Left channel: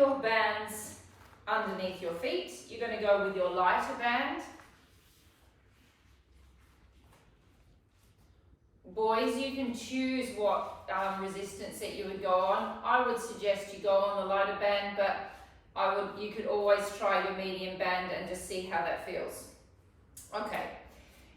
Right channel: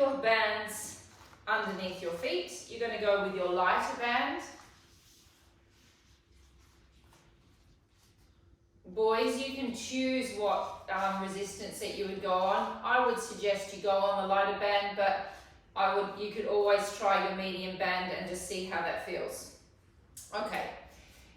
your bands underneath your feet. You're going to go with your lighter band. Boys, you can choose what resistance that you would go on. I would suggest you go on the lighter band, but you could always try your medium band and just see how that feels. Okay,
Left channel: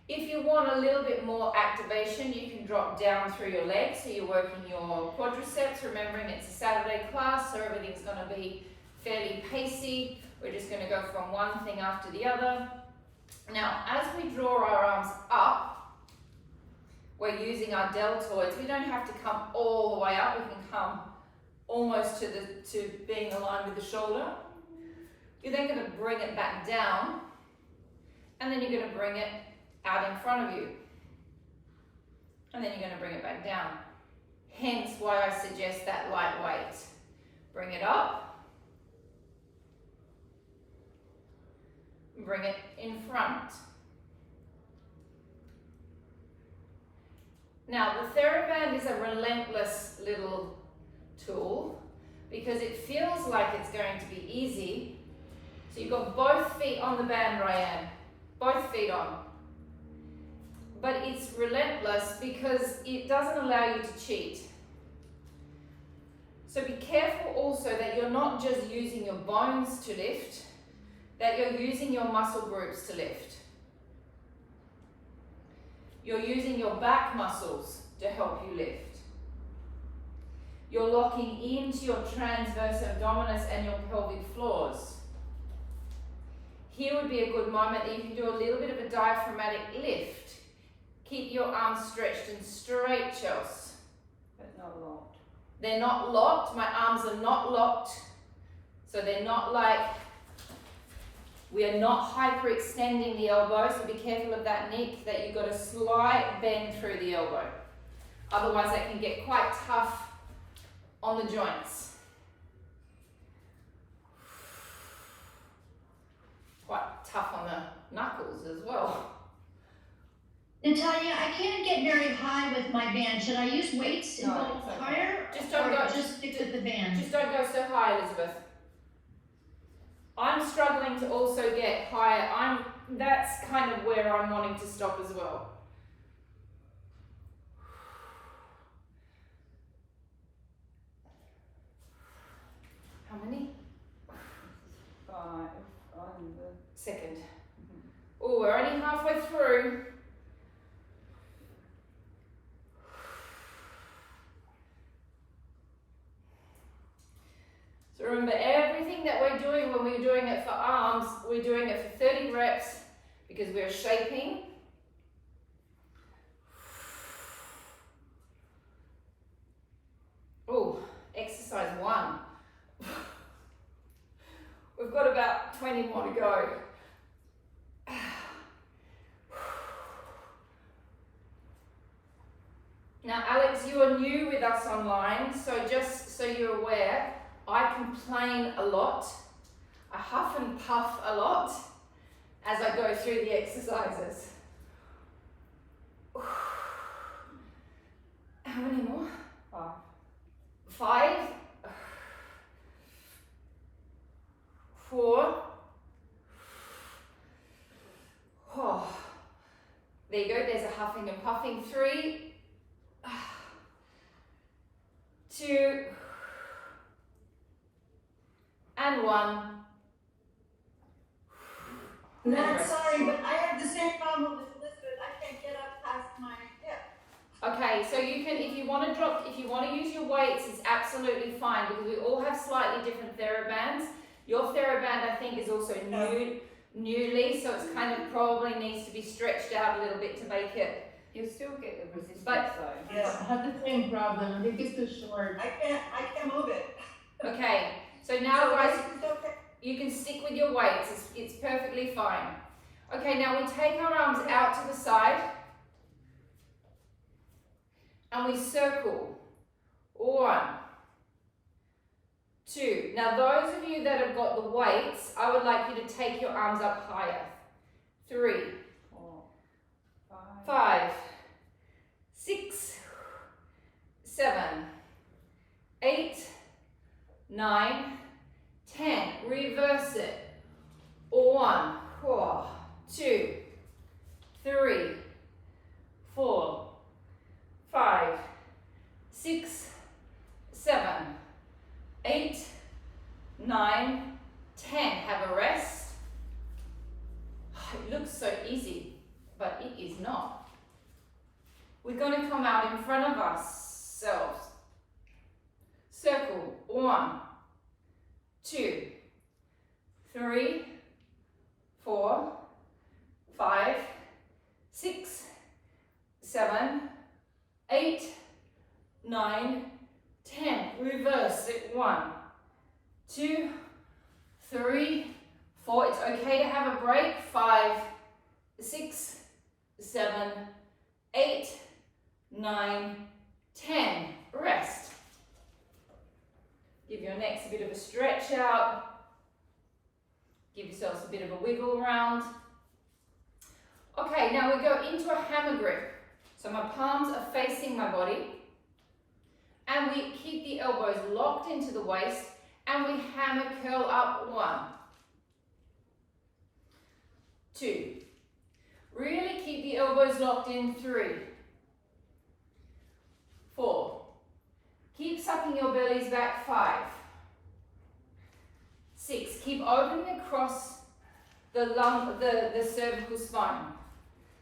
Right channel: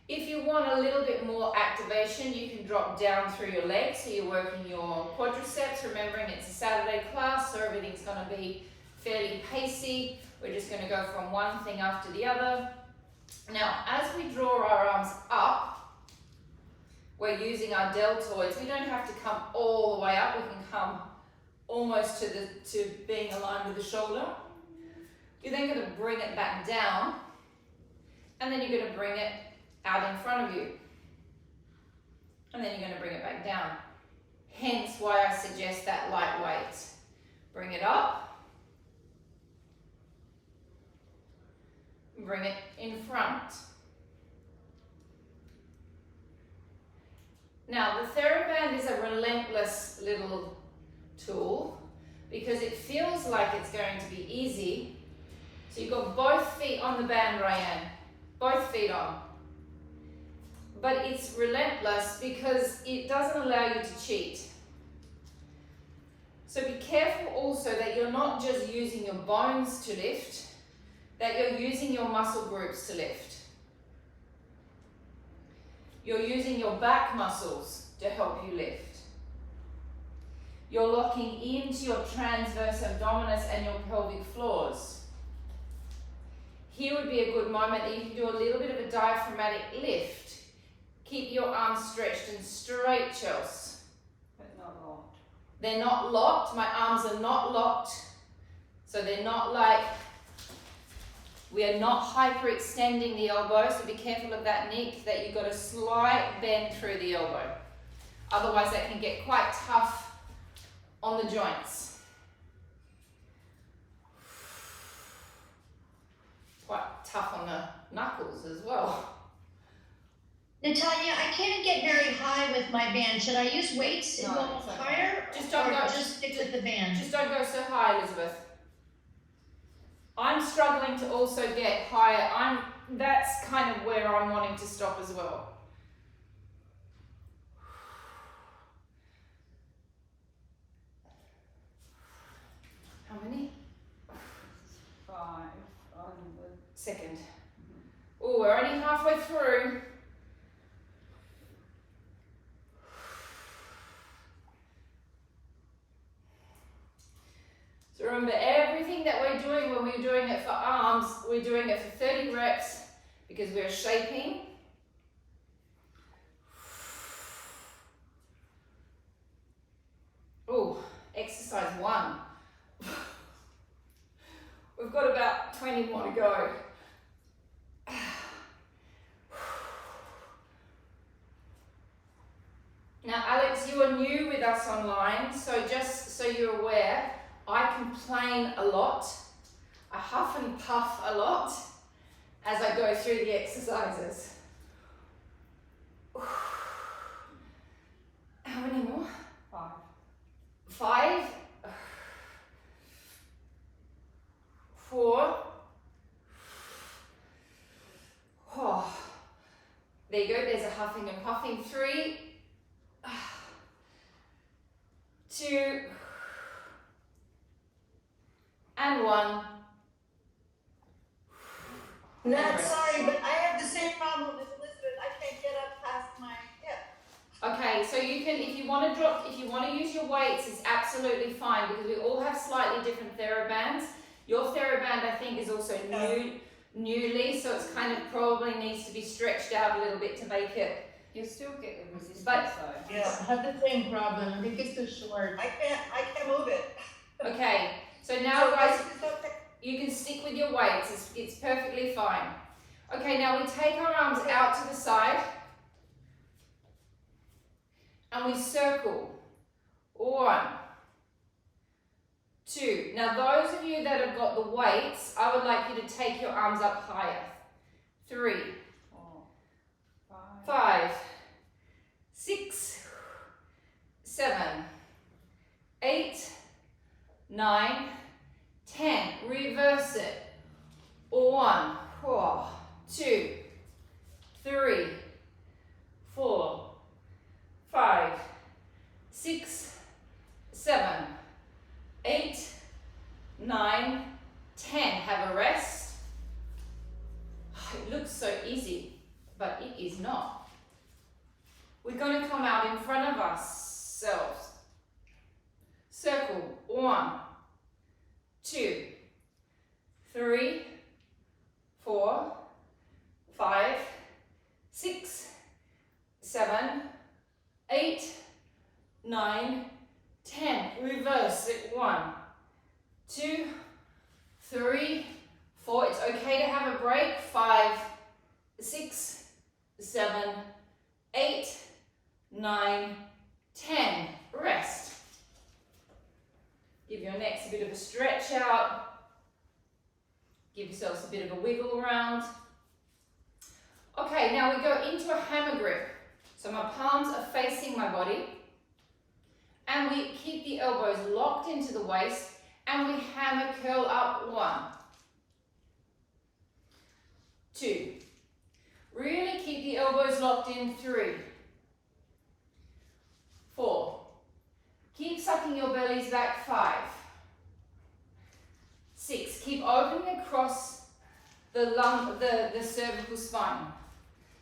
if you want a little bit more activation, you can drop down through your legs, so you're working your quadriceps, remembering it's a Saturday class, so everything's going to be fairly pacey. We're just going to go from one thing after the other. Now, as we draw our arms up, we're using our deltoids. We don't have to come all the way up. We can come almost to being aligned with the shoulder. You're then going to bring it back down, and then you're going to bring it out in front of you. And then you're going to bring it back down. Hence why I suggest that lightweight. Bring it up. Bring it in front. Now, the TheraBand is a relentless little tool because it feels like it's going to be easy. So you've got both feet on the band, Ryan. Both feet on. But it's relentless because it doesn't allow you to cheat. So be careful also that you're not just using your bones to lift, that you're using your muscle groups to lift. You're using your back muscles to help you lift. You're locking into your transverse abdominis and your pelvic floors. Here would be a good moment that you can do a little bit of a diaphragmatic lift. Keep your arms stretched and straight, Chelsea. But not locked. They're not locked. My arms are not locked. So they're not like, we are not hyperextending the elbow, so be careful of that, Nick, that you've got a slight bend through the elbow. Otherwise that can get quite tough on the joints. Quite tough on the knuckles as well. Natalia, I can't get very high with my band. Should I use weights and go higher? Just don't go. Just stick with the band. Just don't go so high, Elizabeth. I'm struggling to also get higher. That's kind of where I'm wanting to stop as well. How many? 5 on the Second. Oh, we're only halfway through. So remember, everything that we're doing when we're doing it for arms, we're doing it for 30 reps because we're shaping. Oh, exercise 1. We've got about 20 more to go. Now, Alex, you are new with us online, so just so you're aware, I complain a lot. I huff and puff a lot as I go through the exercises. How many more? 5. 4. Oh. There you go, there's a huffing and puffing. 3. 2. And 1. Sorry, but I have the same problem with Elizabeth. I can't get up past my hip. Okay, so you can, if you want to use your weights, it's absolutely fine because we all have slightly different TheraBands. Your TheraBand, I think, is also newly, so it's kind of probably needs to be stretched out a little bit to make it. You still get the resistance But- side. Yeah. I have the same problem. I think it's too short. I can't move it. Okay, so now guys, It's okay. you can stick with your weights. It's perfectly fine. Okay, now we take our arms out to the side and we circle. 1, 2. Now those of you that have got the weights, I would like you to take your arms up higher. 3, 4, 5, 6, 7, 8, 9, 10. Reverse it. 1, 2, 3, 4, 5, 6, 7, 8, 9, 10. Have a rest. It looks so easy, but it is not. We're going to come out in front of ourselves. Circle. 1, 2, 3, 4, 5, 6, 7, 8, 9, 10. Reverse it. 1, 2, 3, 4. It's okay to have a break. 5, 6, 7, 8, 9, 10. Rest. Give your necks a bit of a stretch out. Give yourselves a bit of a wiggle around. Okay, now we go into a hammer grip. So my palms are facing my body. And we keep the elbows locked into the waist. And we hammer curl up. 1, 2. Really keep the elbows locked in. 3, 4. Keep sucking your bellies back. 5, 6. Keep opening across the cervical spine.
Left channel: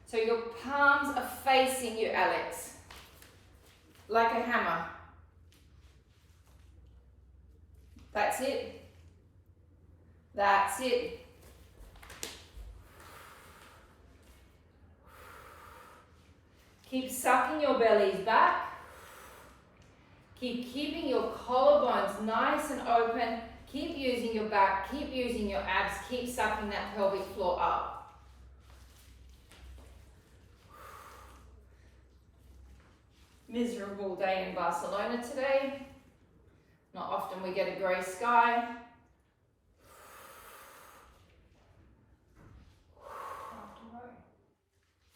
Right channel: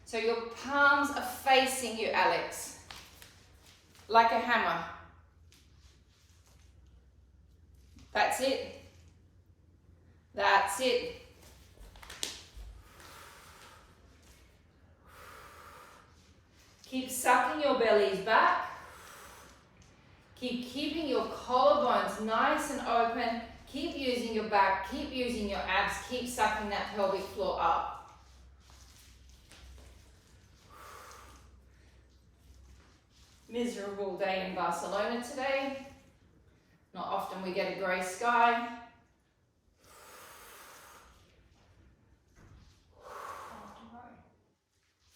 So your palms are facing you, Alex, like a hammer. That's it. That's it. Keep sucking your bellies back. Keep keeping your collarbones nice and open. Keep using your back. Keep using your abs. Keep sucking that pelvic floor up. Miserable day in Barcelona today. Not often we get a grey sky.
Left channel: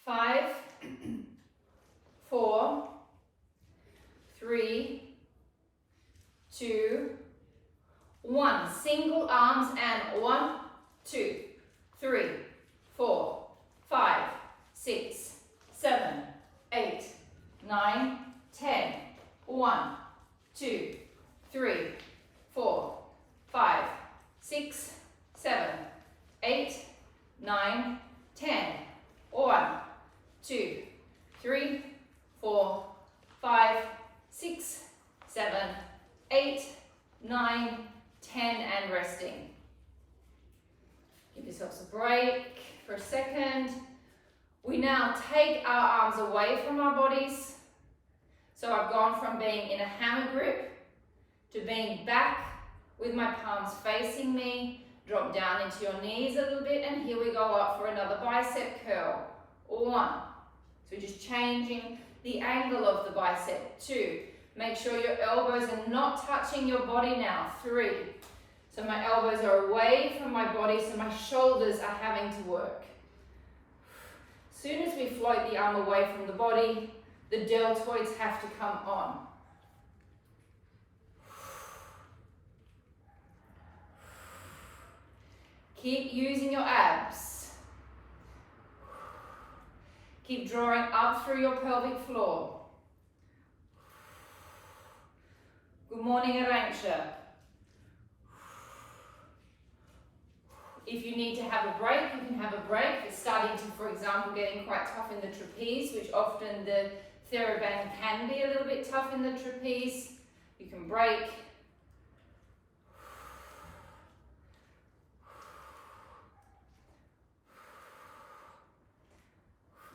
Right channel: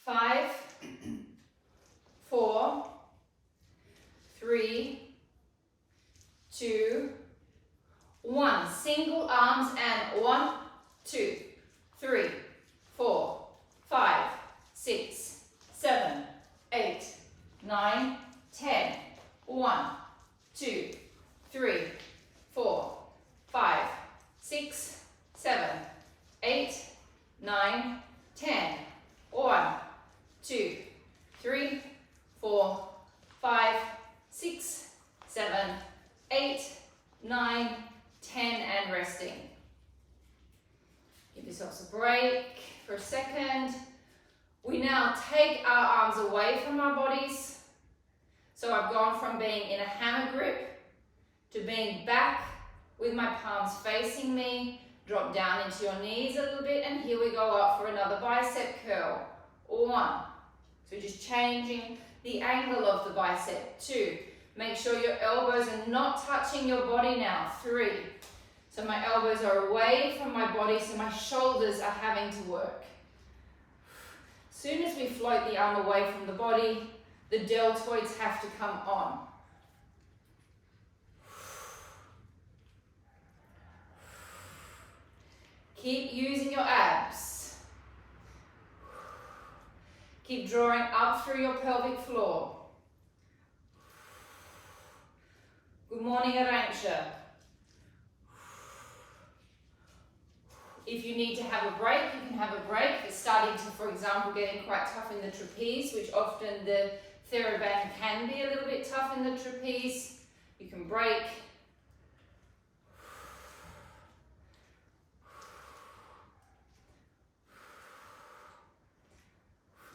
5, 4, 3, 2, 1. Single arms and 1, 2, 3, 4, 5, 6, 7, 8, 9, 10. 1, 2, 3, 4, 5, 6, 7, 8, 9, 10. 1, 2, 3, 4, 5, 6, 7, 8, 9, 10, and resting. Give yourselves a break for a second. We now take our arms away from our bodies. So I've gone from being in a hammer grip to being back with my palms facing me. Drop down into your knees a little bit, and here we go up for another bicep curl. 1. So we're just changing the angle of the bicep. 2. Make sure your elbows are not touching your body now. 3. So my elbows are away from my body, so my shoulders are having to work. As soon as we float the arm away from the body, the deltoids have to come on. Keep using your abs. Keep drawing up through your pelvic floor. Good morning, Arantxa. If you need to have a break, you can have a break. If it's starting to, for example, getting quite tough in the trapeze, which often the TheraBand can be a little bit tough in the trapeze, you can break.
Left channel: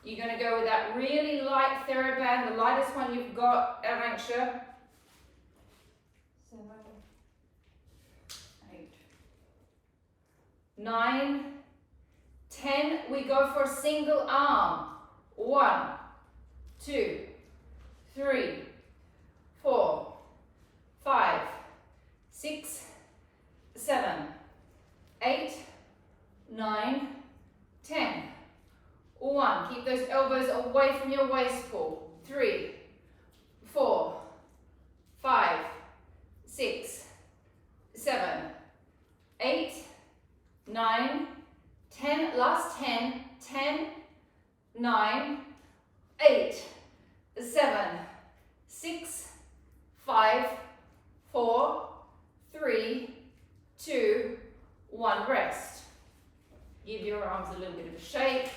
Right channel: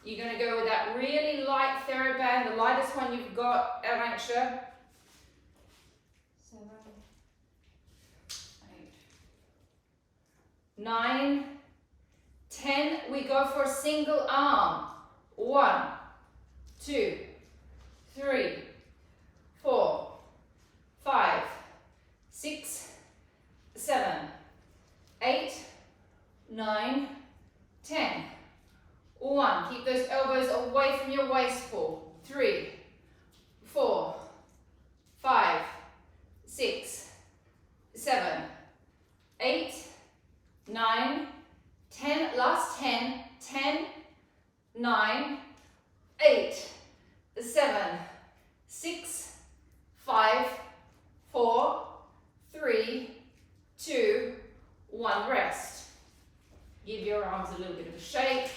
You're going to go with that really light TheraBand, the lightest one you've got, Arantxa. 7, 8, 9, 10. We go for a single arm. 1, 2, 3, 4, 5, 6, 7, 8, 9, 10. 1. Keep those elbows away from your waist pull. 3, 4, 5, 6, 7, shape.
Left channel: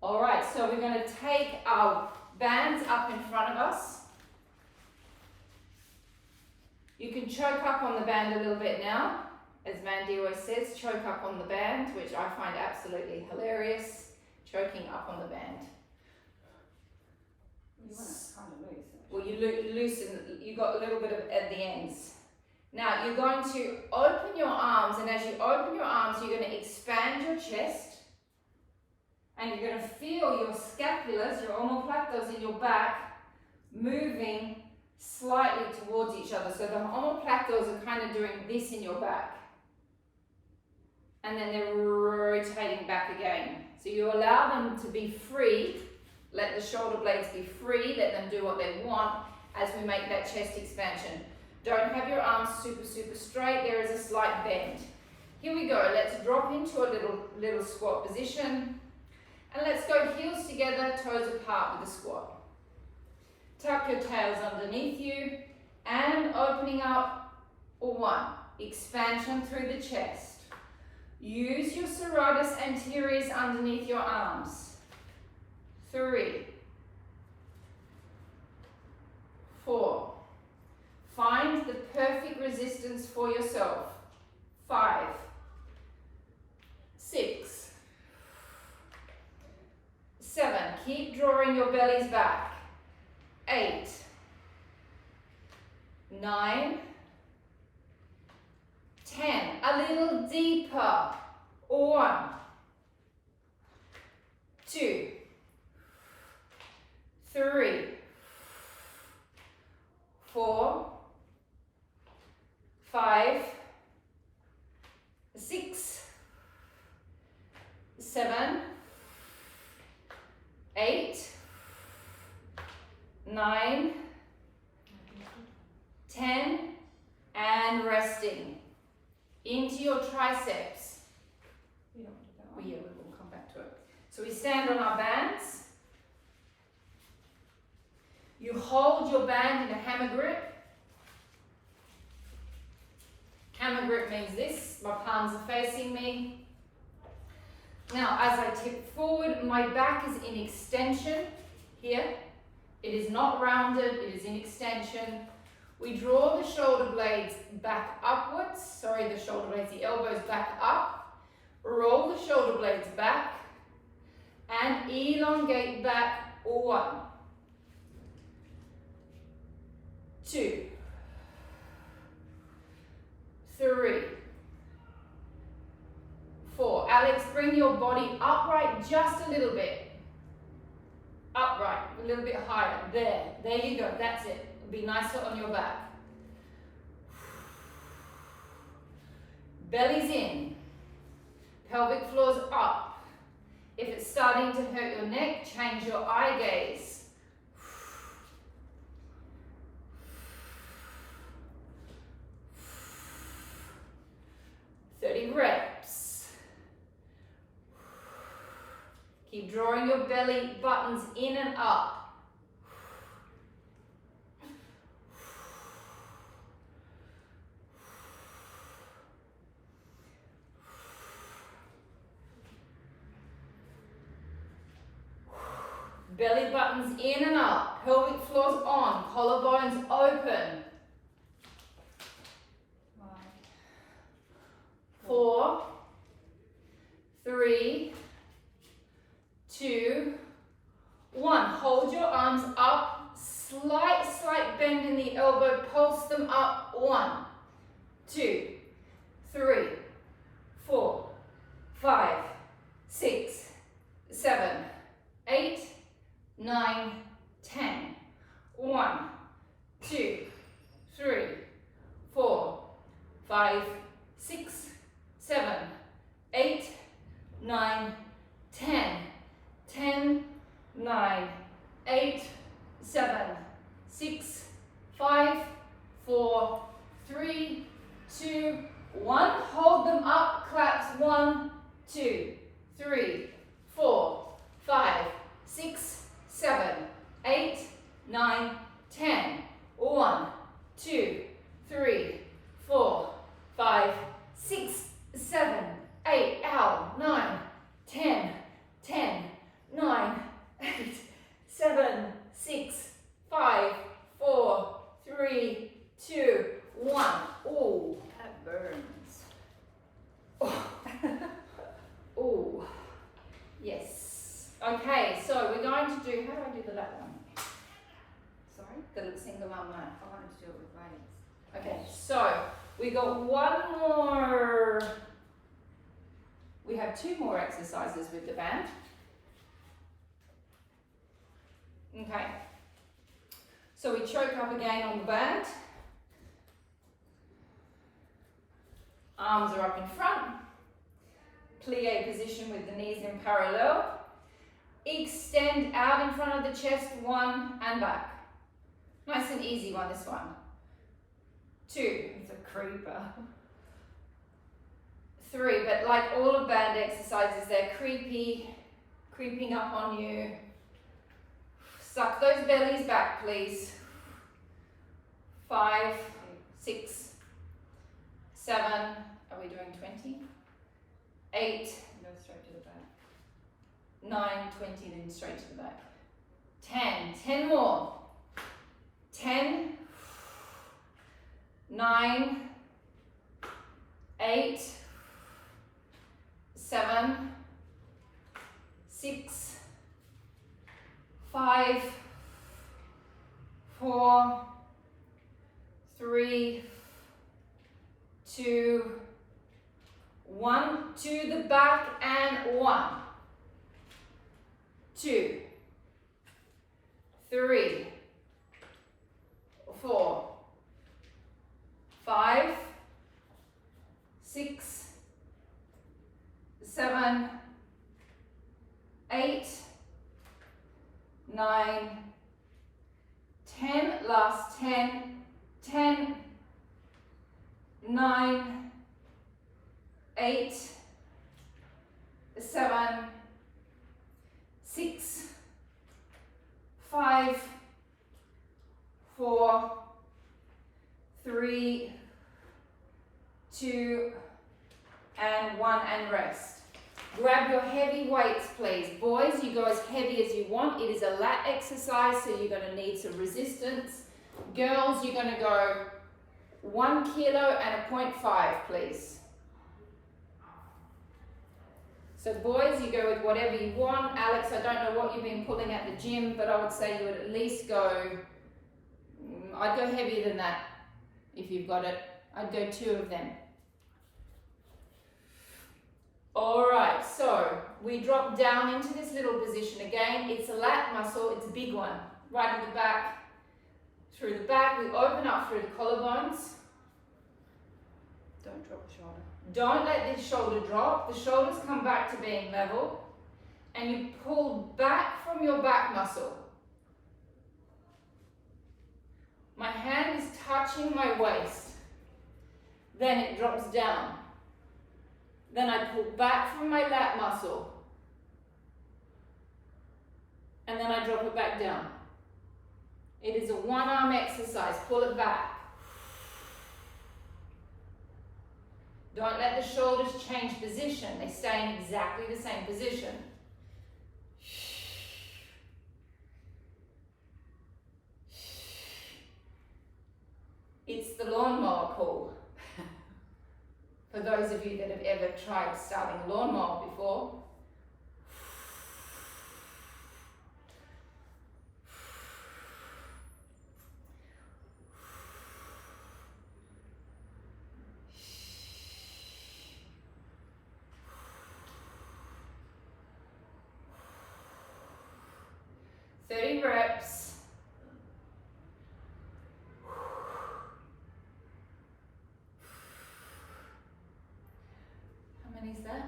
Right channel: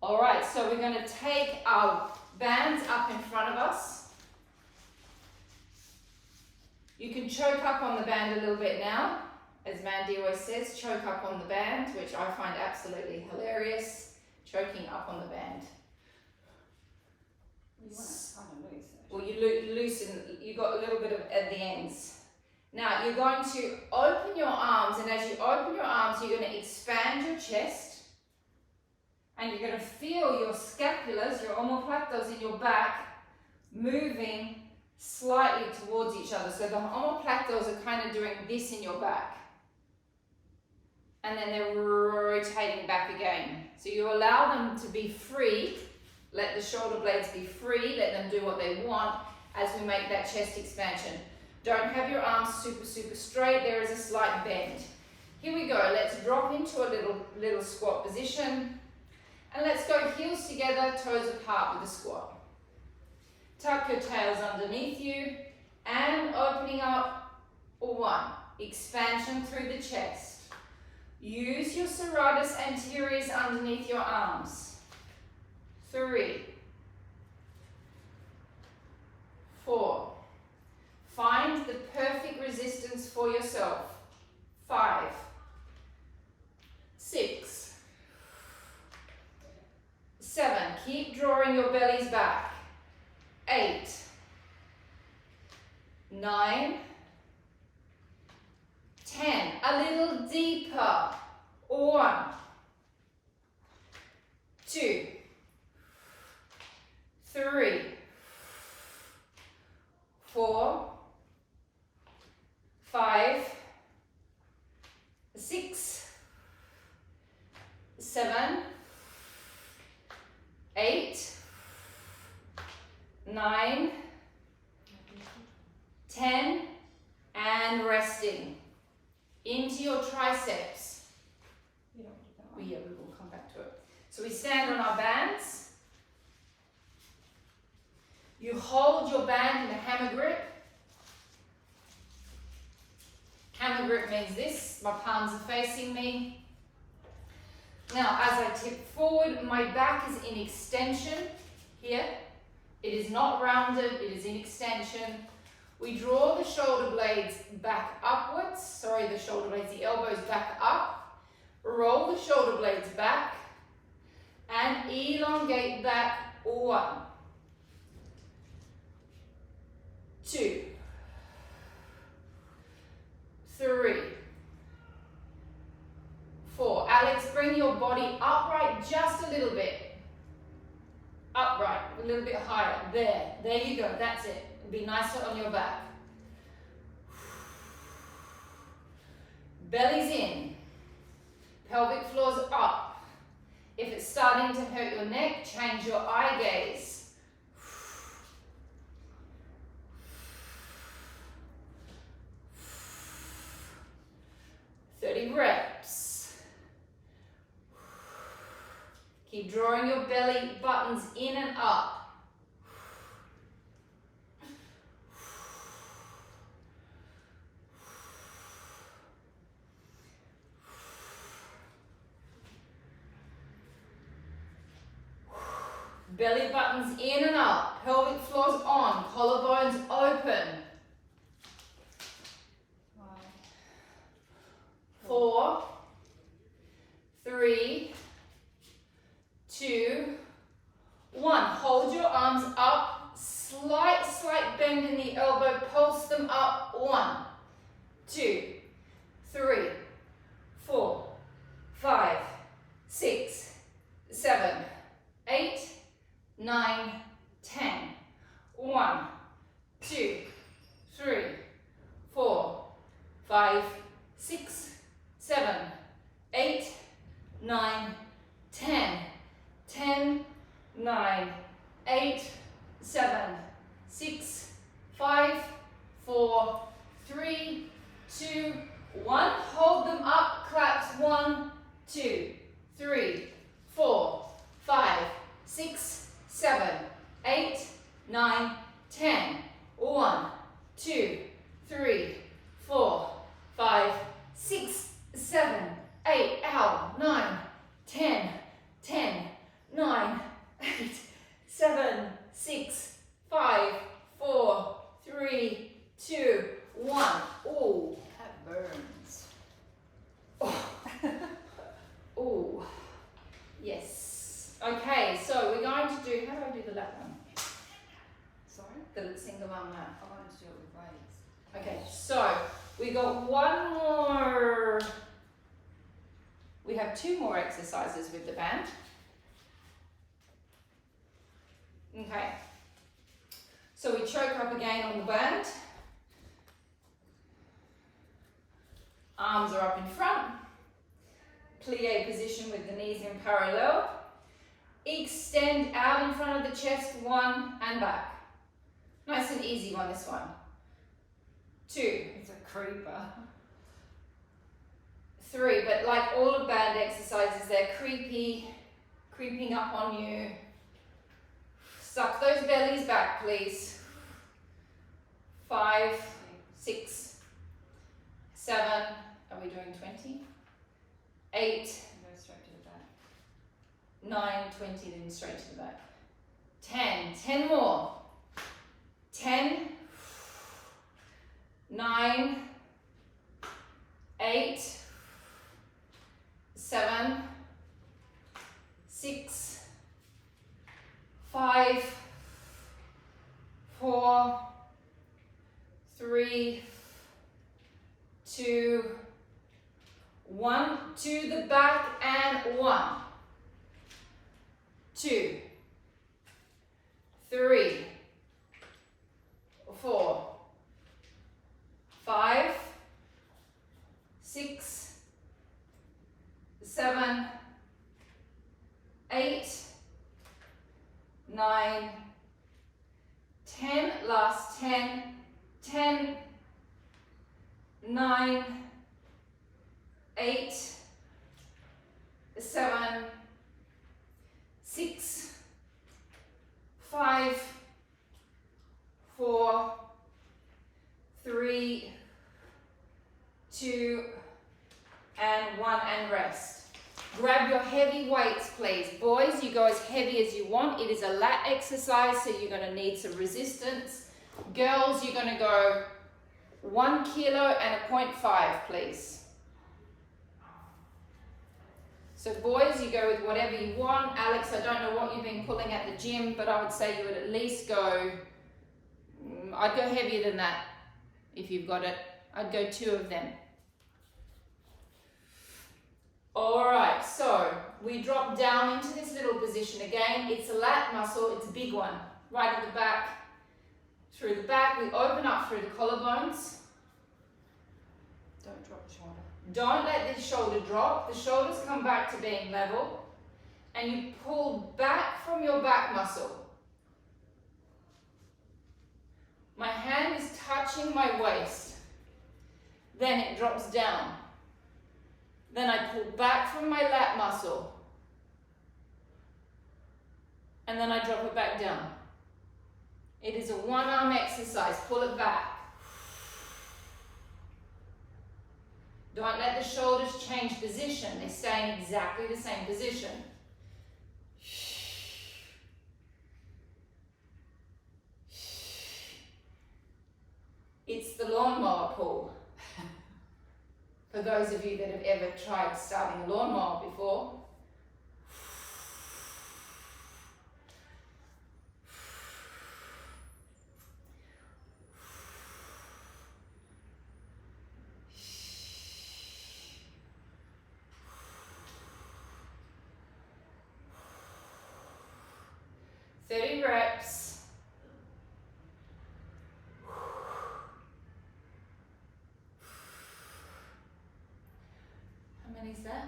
All right, so we're going to take our bands up in front of us. You can choke up on the band a little bit now. As Mandy always says, choke up on the band, which I find absolutely hilarious, choking up on the band. You want it kind of loose. Well, you loosen, you got a little bit of at the ends. Now you're going to open your arms, and as you open your arms, you're going to expand your chest, and you're going to feel your scapulas, your omoplatos in your back, moving slightly towards each other. So the omoplatos are kind of doing this in your back, and then they're rotating back again. So you allow them to be free. Let the shoulder blades be free. Let them do what they want as we make that chest expansion. Don't have your arms super straight. There is a slight bend. Here we go. Let's drop into a little squat position. And let's go heels together, toes apart with the squat. Tuck your tails underneath you and opening up. 1. Expansion through the chest. Use your serratus anteriors underneath your arms. 3. 4. Find the perfect resistance for yourself. 5. 6. 7. Keep drawing your bellies back. 8. 9. 10. A little deeper. 1. 2. 3. 4. 5. 6. 7. 8. 9. 10. And resting. Into your triceps. You don't do that. Yeah, we will come back to it. So we stand on our bands. You hold your band in a hammer grip. Hammer grip means this. My palms are facing me. Now, as I tip forward, my back is in extension here. It is not rounded, it is in extension. We draw the shoulder blades back upwards. Sorry, the shoulder blades, the elbows back up. Roll the shoulder blades back and elongate back. 1. 2. 3. 4. Alex, bring your body upright just a little bit. Upright, a little bit higher. There you go, that's it. Be nicer on your back. Belly's in. Pelvic floor's up. If it's starting to hurt your neck, change your eye gaze. 30 reps. Keep drawing your belly buttons in and up. Belly buttons in and up, pelvic floors on, collarbones open. 4, 3, 2, 1. Hold your arms up, slight bend in the elbow, pulse them up. 1, 2, 3, 4, 5, 6, 7, 8, 9, 10. 1, 2, 3, 4, 5, 6, 7, 8, 9, 10. 10, 9, 8, 7, 6, 5, 4, 3, 2, 1. Hold them up, claps. 1, 2, 3, 4, 5, 6, 7, 8, 9, 10. 1, 2, 3, 4, 5, 6, 7, to do it with weights. Okay, so we got one more. We have two more exercises with the band. Okay. So we choke up again on the band. Arms are up in front. Plie position with the knees in parallel. Extend out in front of the chest, 1 and back. Nice and easy one, this one. 2. It's a creeper. 3, but like all of band exercises, they're creeping up on you. Suck those bellies back, please. 5, 6, 7, are we doing 20? 8, Go straight to the back. 9, 20, then straight to the back. 10 more. 10, 9, 8, 7, 6, 5, 4, 3, 2, 1, to the back and 1, 2, 3, 4, 5, 6, 7, 8, 9, 10, last 10, 10, 9, 8, 7, 6, 5, 4, 3, 2, and 1, and rest. Grab your heavy weights, please. Boys, you go as heavy as you want. It is a lat exercise, so you're going to need some resistance. Girls, you're going to go 1 kilo and a 0.5, please. So boys, you go with whatever you want. Alex, I don't know what you've been pulling at the gym, but I would say you would at least go, I'd go heavier than that if you've got it. I'd go 2 of them. All right, so we drop down into this little position again. It's a lat muscle, it's a big one. Right at the back, through the back. We open up through the collarbones. Don't drop the shoulder. Don't let the shoulder drop. The shoulders come back to being level. And you pull back from your back muscle. My hand is touching my waist. Then it drops down. Then I pull back from my lat muscle. And then I drop it back down. It is a 1-arm exercise. Pull it back. Don't let the shoulders change position. They stay in exactly the same position. It's the lawnmower pull. For those of you that have ever tried starting a lawnmower before. Reps. How many is that?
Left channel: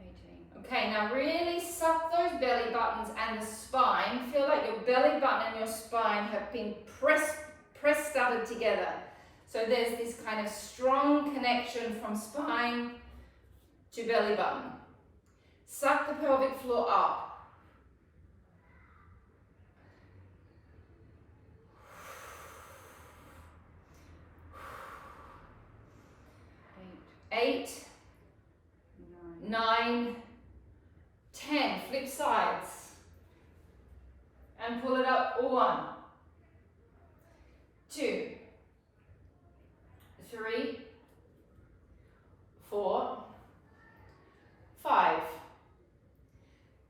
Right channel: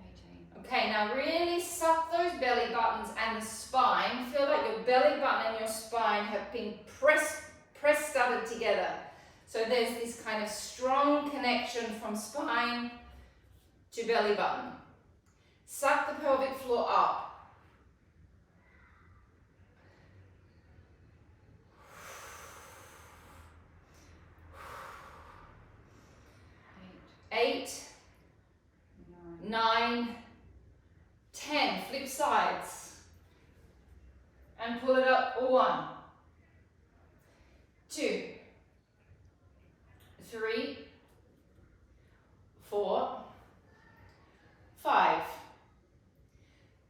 18. Okay, now really suck those belly buttons and the spine. Feel like your belly button and your spine have been studded together. So there's this kind of strong connection from spine to belly button. Suck the pelvic floor up. 8, 9, 10. Flip sides. And pull it up. 1, 2, 3, 4, 5,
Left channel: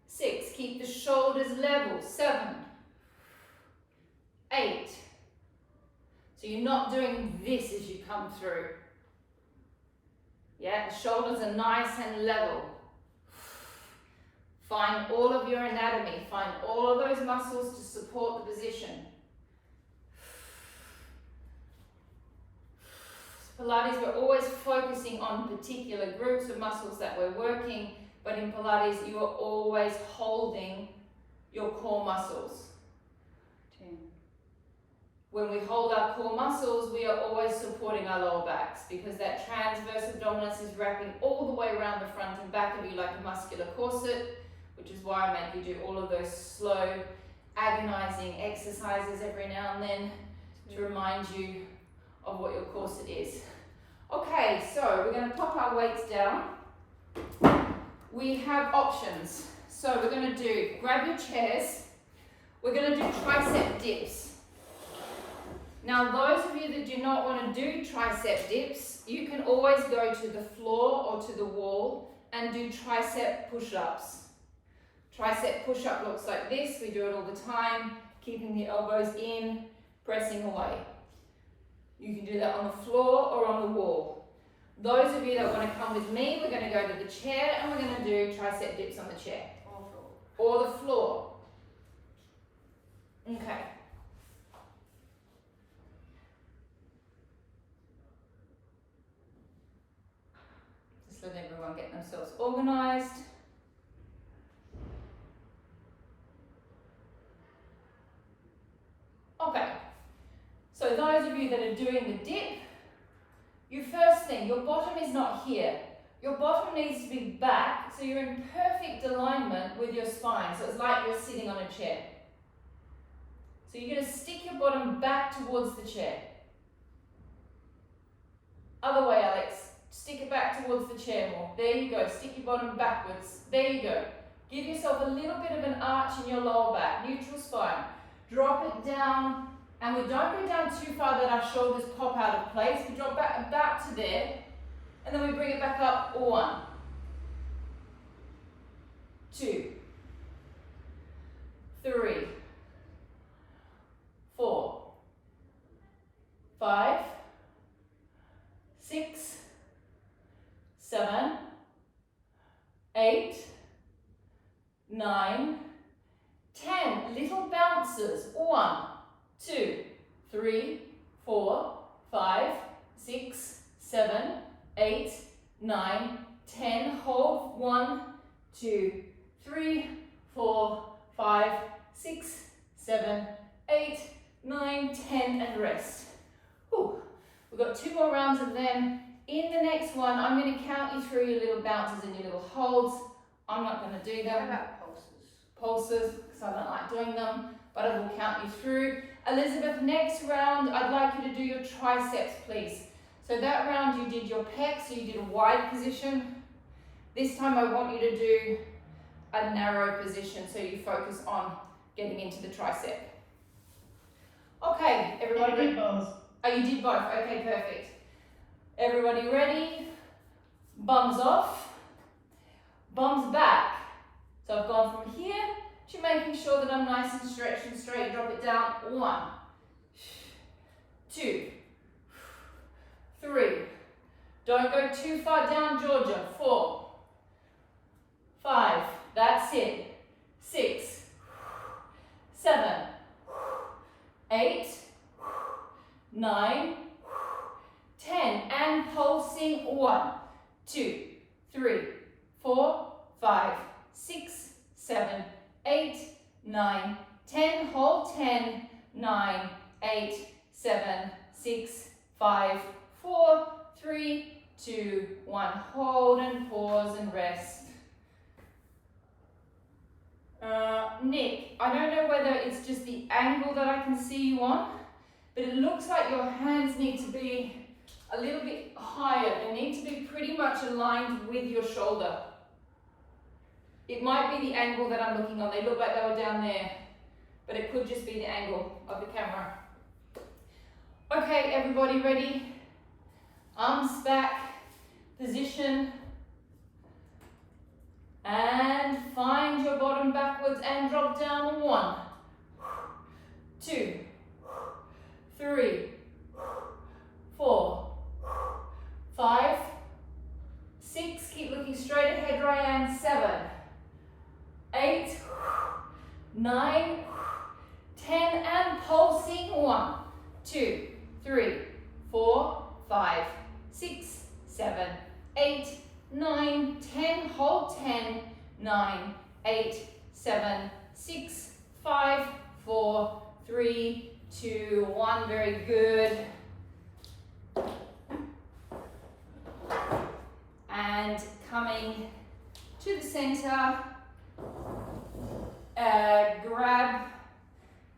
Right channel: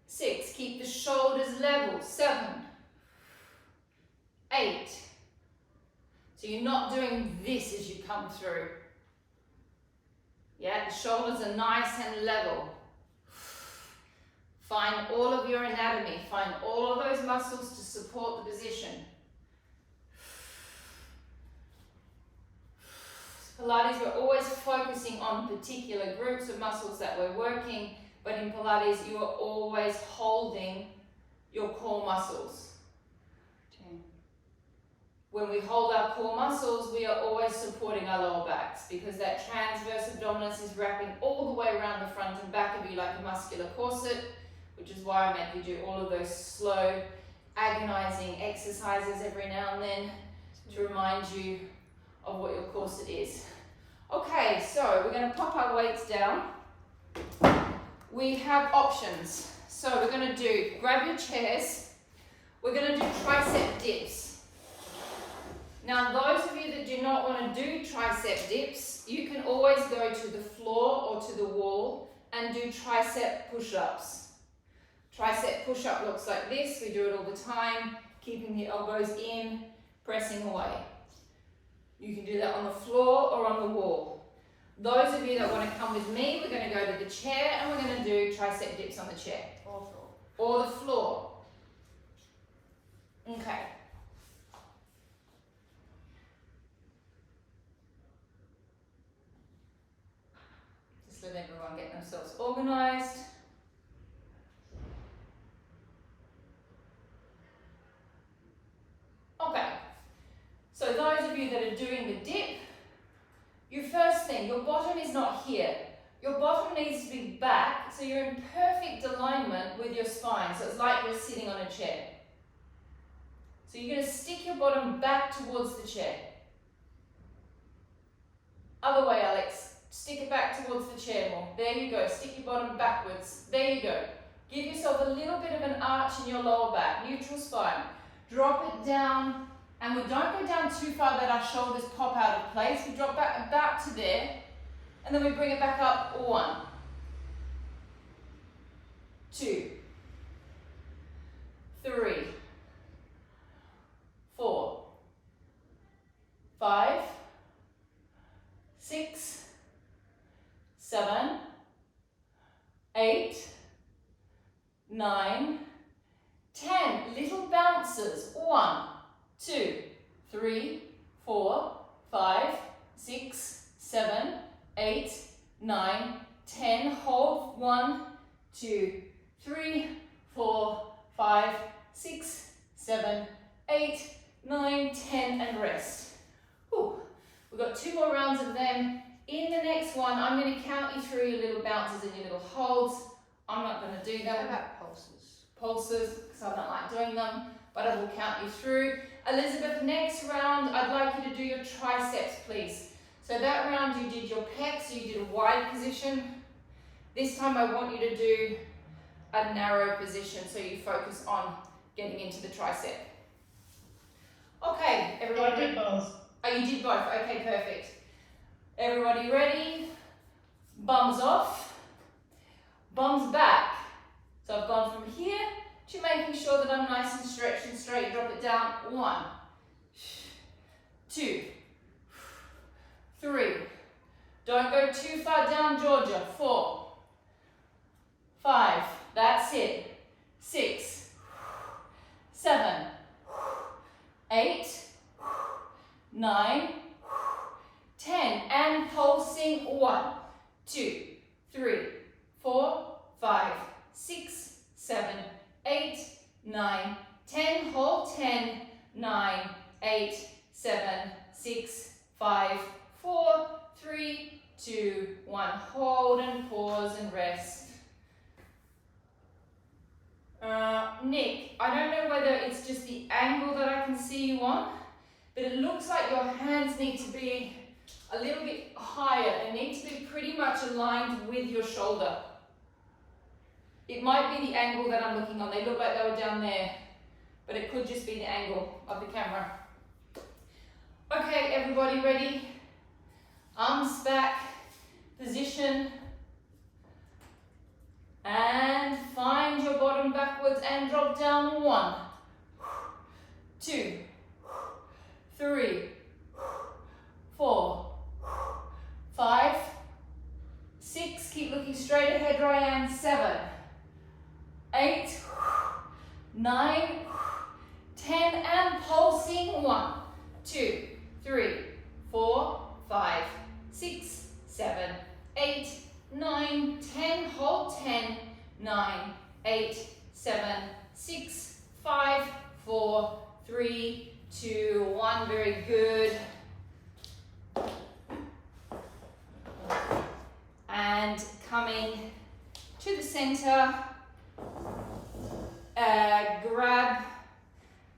6. Keep the shoulders level. 7, 8. So you you're not doing this as you come through. Yeah, the shoulders are nice and level. Find all of your anatomy, find all of those muscles to support the position. Pilates, we're always focusing on particular groups of muscles that we're working, but in Pilates, you are always holding your core muscles. 10. When we hold our core muscles, we are always supporting our lower backs because that transverse abdominis is wrapping all the way around the front and back of you like a muscular corset, which is why I make you do all of those slow, agonizing exercises every now and then to remind you of what your corset is. Okay, so we're going to pop our weights down. We have options. So we're going to do, grab your chairs, we're going to do tricep dips. Now those of you that do not want to do tricep dips, you can always go to the floor or to the wall and do tricep push-ups. Tricep push-up looks like this, we do it all the time, keeping the elbows in, pressing away. You can do that on the floor or on the wall. Those of you that want to come with me, we're going to go to the chair and we're going to do tricep dips on the chair. Or the floor. Okay. Just let everyone get themselves organized. Okay. So those of you that are doing the dip, your first thing, your bottom is not here. Your bottom needs to be back, so you're in perfect alignment with your spine. So it's like you're sitting on a chair. So you're going to stick your bottom back towards the chair. Other way, Alex. Stick it back towards the chair more. There you go. Stick your bottom backwards. There you go. Give yourself a little bit of an arch in your lower back. Neutral spine. Drop it down. And we don't go down too far that our shoulders pop out of place. We drop back about to there. And then we bring it back up. 1, 2, 3, 4, 5, 6, 7, 8, 9, 10. Little bounces. 1, 2, 3, 4, 5, 6, 7, 8, 9, 10. Hold. 1, 2, 3, 4, 5, 6, 7, 8, 9, 10, and rest. Whew. We've got 2 more rounds of them. In the next one, I'm going to count you through your little bounces and your little holds. I'm not going to do them. How about pulses? Pulses, because I don't like doing them, but I will count you through. Elizabeth, next round, I'd like you to do your triceps, please. So that round you did your pecs, so you did a wide position. This time I want you to do a narrow position, so you focus on getting into the tricep. Okay, everybody I did both. Oh, you did both. Okay, perfect. Everybody ready? Bums off, bums back. So I've gone from here to making sure that I'm nice and stretched and straight. Drop it down. 1, 2, 3. Don't go too far down, Georgia. 4, 5. That's it. 6, 7, 8, 9, 10. And pulsing. 1, 2, 3, 4, 5, 6, 7, 8, 9, 10. Hold. 10, 9, 8, 7, 6, 5, 4, 3, 2, 1. Hold and pause and rest. Nick, I don't know whether it's just the angle that I can see you on, but it looks like your hands need to be a little bit higher. They need to be pretty much aligned with your shoulder. It might be the angle that I'm looking on. They look like they were down there, but it could just be the angle of the camera. Okay, everybody ready? Arms back, position, and find your bottom backwards and drop down. 1, 2, 3, straight ahead, Ryan. 7, 8, 9, 10, and pulsing. 1, 2, 3, 4, 5, 6, 7, 8, 9, 10. Hold 10, 9, 8, 7, 6, 5, 4, 3, 2, 1. Very good. And coming to the center, grab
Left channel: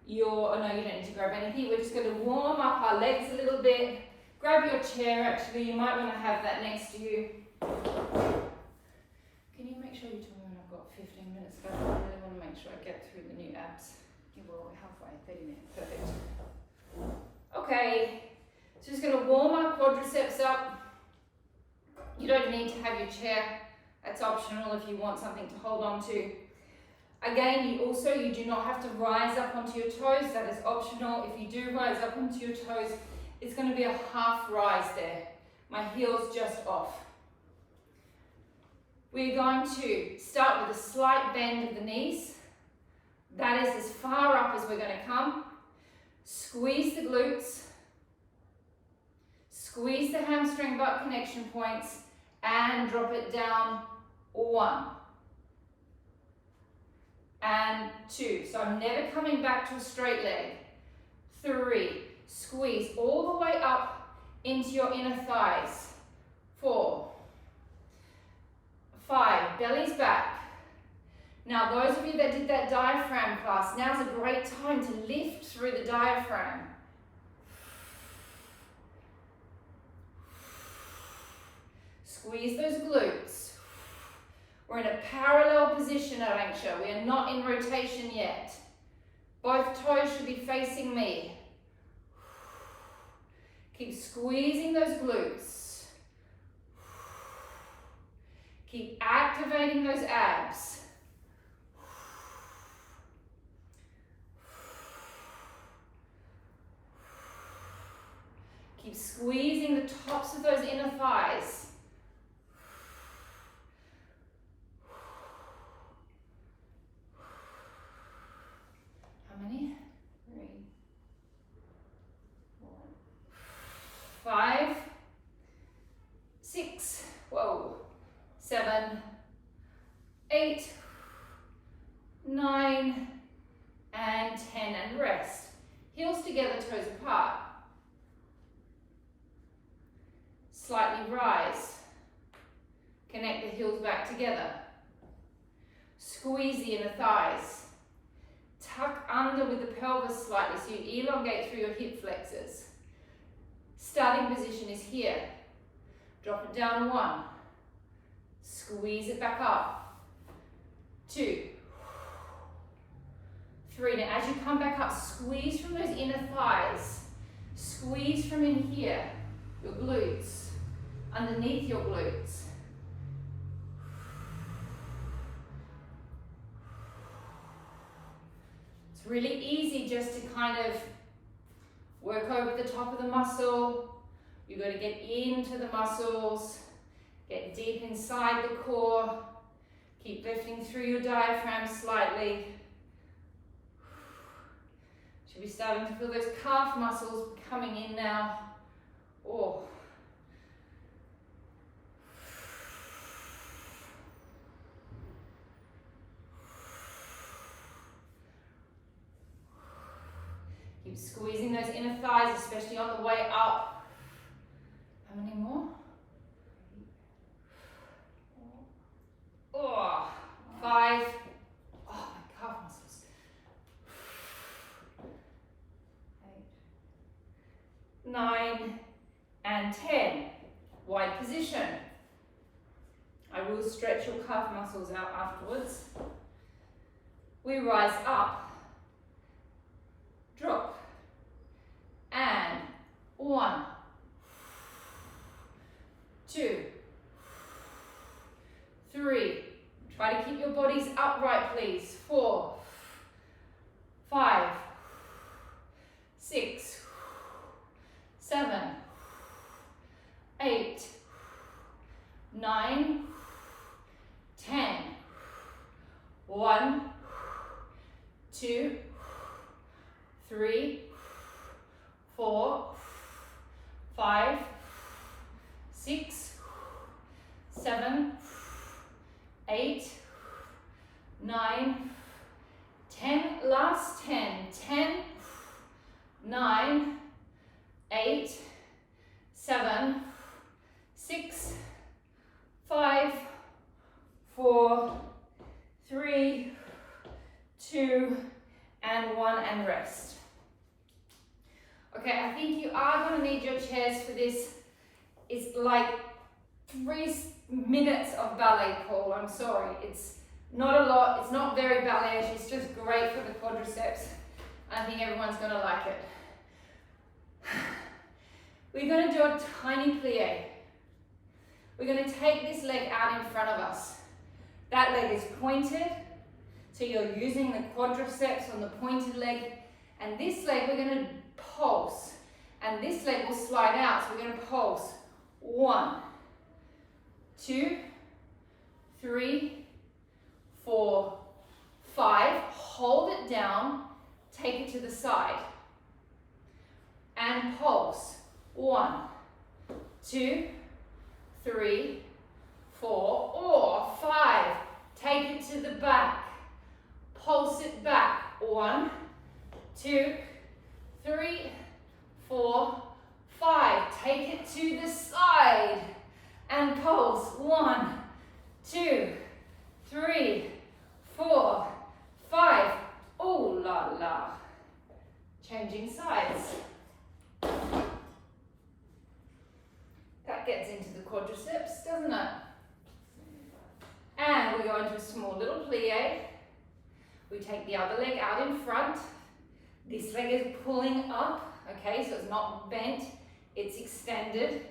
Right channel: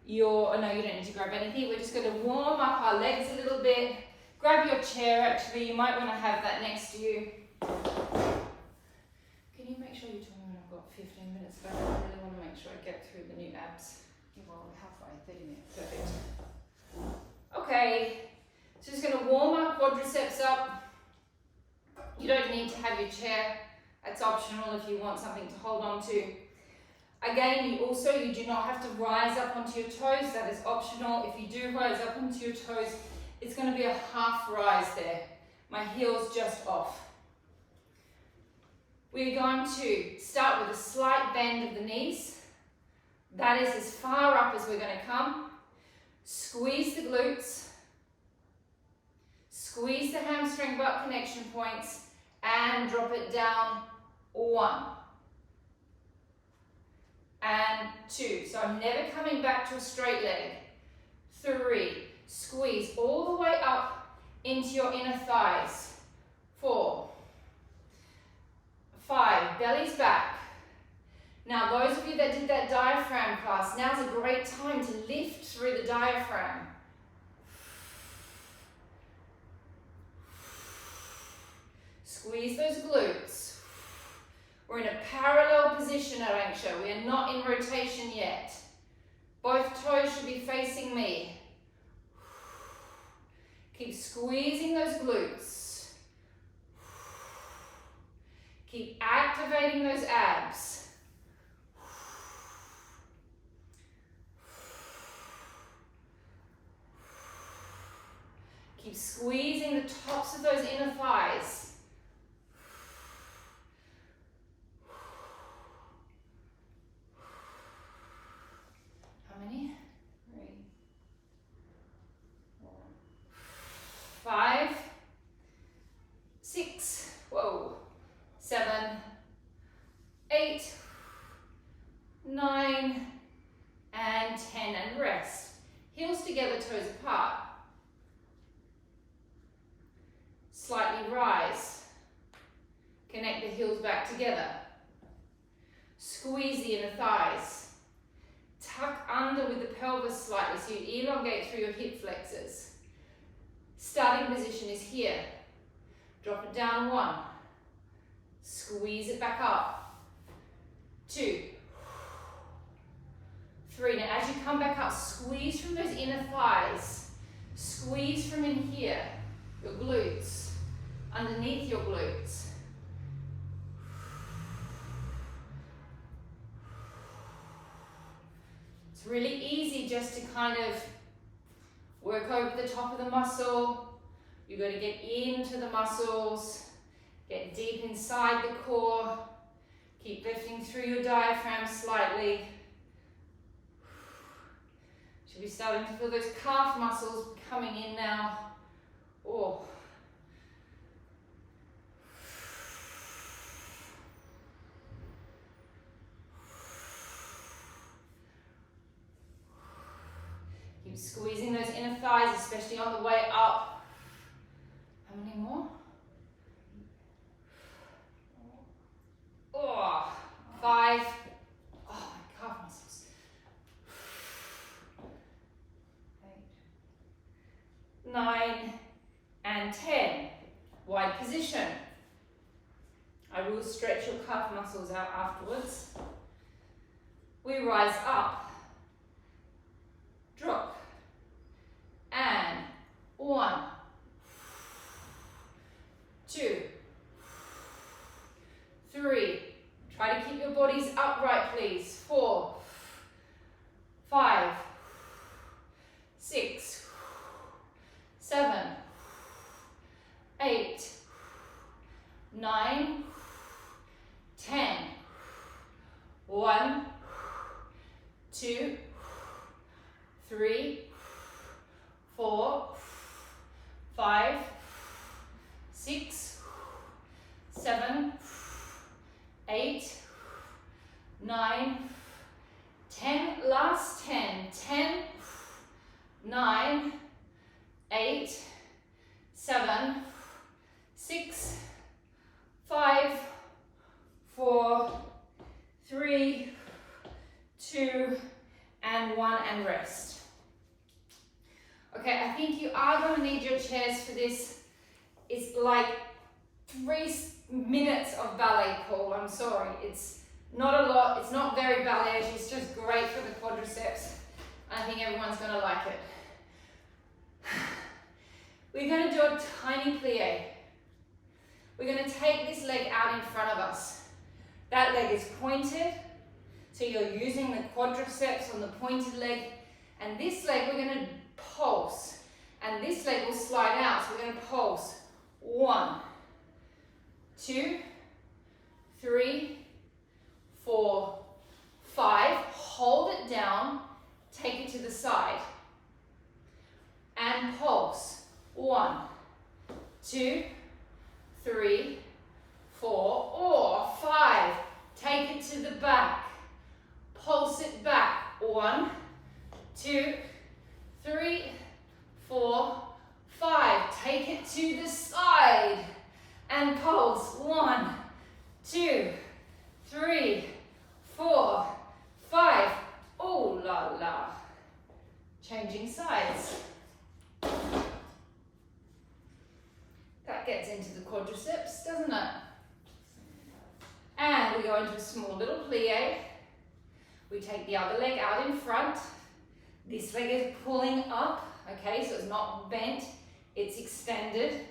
your, oh no, you don't need to grab anything. We're just going to warm up our legs a little bit. Grab your chair, actually. You might want to have that next to you. Can you make sure you tell me when I've got 15 minutes left? I really want to make sure I get through the new abs. Well, halfway, 30 minutes. Perfect. Okay, so just going to warm our quadriceps up. You don't need to have your chair. That's optional if you want something to hold on to. Again, you do not have to rise up onto your toes. That is optional. If you do rise up onto your toes, it's going to be a half rise there. My heel's just off. We're going to start with a slight bend of the knees. That is as far up as we're going to come. Squeeze the glutes. Squeeze the hamstring butt connection points and drop it down. 1 and 2. So I'm never coming back to a straight leg. 3. Squeeze all the way up into your inner thighs. 4. 5. Belly's back. Now those of you that did that diaphragm class, now's a great time to lift through the diaphragm. Squeeze those glutes. We're in a parallel position at anchor. We are not in rotation yet. Both toes should be facing me. Keep squeezing those glutes. Keep activating those abs. Keep squeezing the tops of those inner thighs. How many? 3, 4, 5, 6, 7, 8, 9, and 10, and rest. Heels together, toes apart. Slightly rise. Connect the heels back together. Squeeze the inner thighs. Tuck under with the pelvis slightly so you elongate through your hip flexors. Starting position is here. Drop it down. 1. Squeeze it back up. 2. 3. Now as you come back up, squeeze from those inner thighs. Squeeze from in here, your glutes, underneath your glutes. It's really easy just to kind of work over the top of the muscle. You've got to get into the muscles, get deep inside the core, keep lifting through your diaphragm slightly. Should be starting to feel those calf muscles coming in now. Oh. Keep squeezing those inner thighs, especially on the way up. How many more? Oh, 5. Oh, my calf muscles. 8, 9, and 10. Wide position. I will stretch your calf muscles out afterwards. We rise up, drop, and 1, 2, 3. Try to keep your bodies upright, please. 4, 5, 6, 7, 8, 9, 5, 6, 7, 8, 9, 10, last 10, 10, 9, 8, 7, 6, 5, 4, 3, 2, and 1, and rest. Okay, I think you are going to need your chairs for this. It's like 3 minutes of ballet, Paul. I'm sorry. It's not a lot. It's not very ballet. It's just great for the quadriceps. I think everyone's going to like it. We're going to do a tiny plie. We're going to take this leg out in front of us. That leg is pointed. So you're using the quadriceps on the pointed leg. And this leg we're going to pulse. And this leg will slide out. So we're going to pulse. 1, 2, 3, 4, 5. Hold it down. Take it to the side. And pulse. 1, 2, 3, 4, or 5. Take it to the back. Pulse it back. 1, 2, 3, 4, 5. Take it to the side. And pulse. 1, 2, 3, 4, 5. Ooh la la. Changing sides. That gets into the quadriceps, doesn't it? And we go into a small little plie. We take the other leg out in front. This leg is pulling up, okay, so it's not bent, it's extended.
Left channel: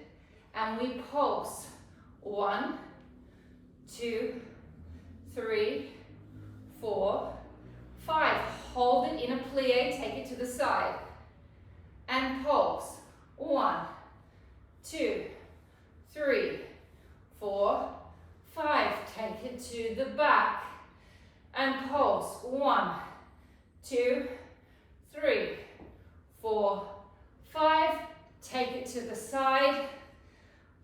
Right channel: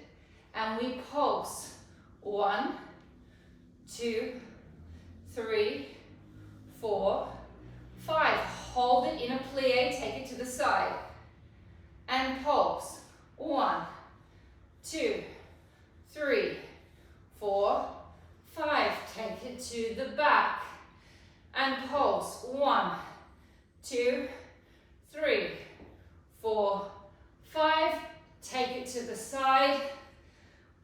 And we pulse. 1, 2, 3, 4, 5. Hold it in a plie, take it to the side. And pulse. 1, 2, 3, 4, 5. Take it to the back. And pulse. 1, 2, 3, 4, 5. Take it to the side.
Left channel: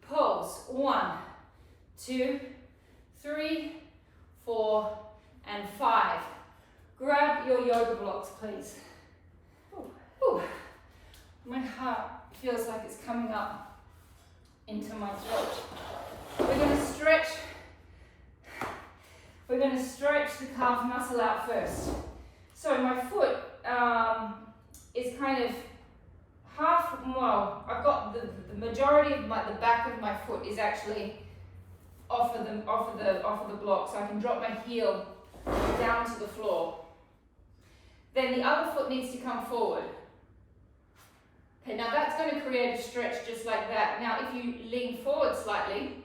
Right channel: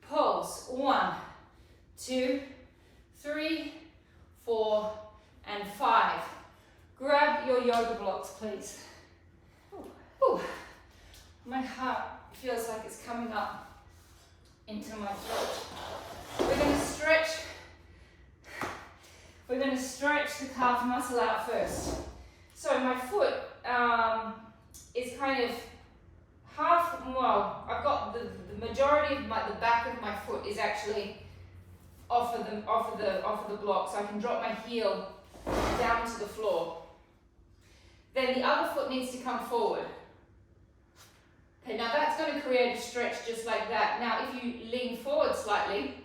Pulse. 1, 2, 3, 4, and 5. Grab your yoga blocks, please. Ooh. My heart feels like it's coming up into my throat. We're going to stretch. We're going to stretch the calf muscle out first. So my foot is kind of half, well, I've got the majority of the back of my foot is actually off of the block, so I can drop my heel down to the floor. Then the other foot needs to come forward. Okay, now that's going to create a stretch just like that. Now if you lean forward slightly,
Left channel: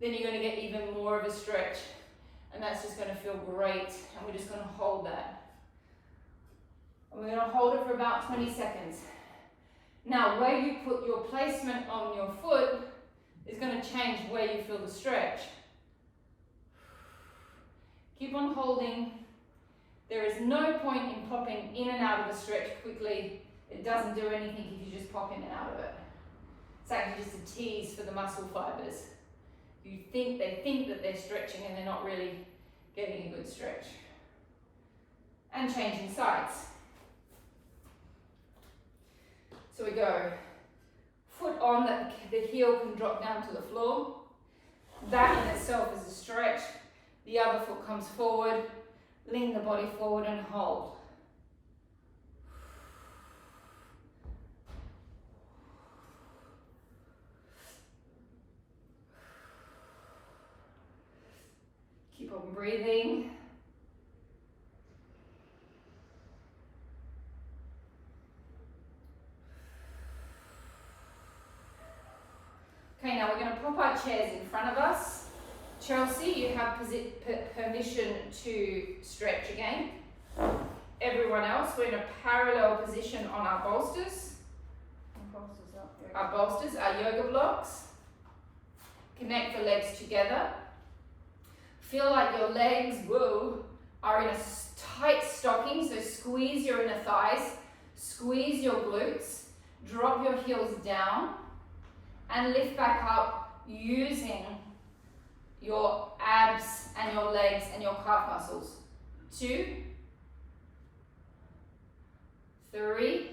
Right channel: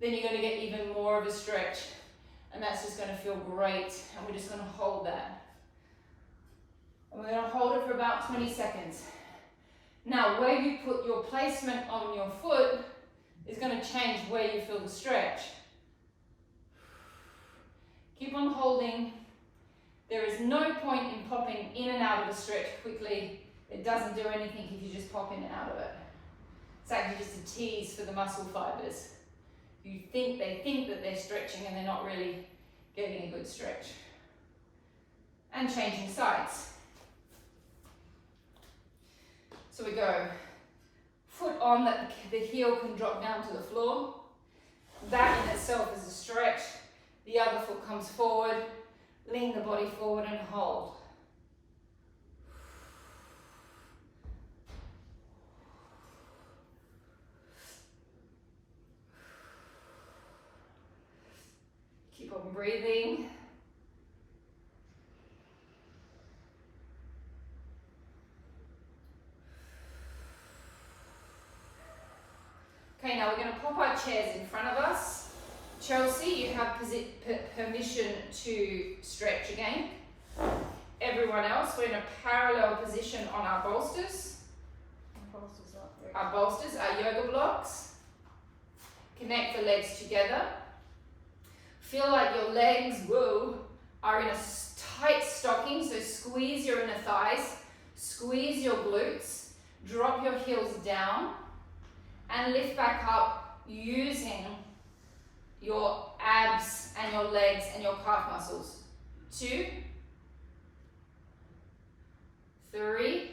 then you're going to get even more of a stretch. And that's just going to feel great. And we're just going to hold that. And we're going to hold it for about 20 seconds. Now where you put your placement on your foot is going to change where you feel the stretch. Keep on holding. There is no point in popping in and out of a stretch quickly. It doesn't do anything if you just pop in and out of it. It's actually just a tease for the muscle fibers. They think that they're stretching and they're not really getting a good stretch. And changing sides. So we go foot on that the heel can drop down to the floor. That in itself is a stretch. The other foot comes forward. Lean the body forward and hold. Keep on breathing. Okay, now we're going to pop our chairs in front of us. Chelsea, you have permission to stretch again. Everyone else, we're in a parallel position on our bolsters. Our bolsters, our yoga blocks. Connect the legs together. Feel like your legs, are in a tight stocking, so squeeze your inner thighs, squeeze your glutes, drop your heels down and lift back up using your abs and your legs and your calf muscles. 2, 3,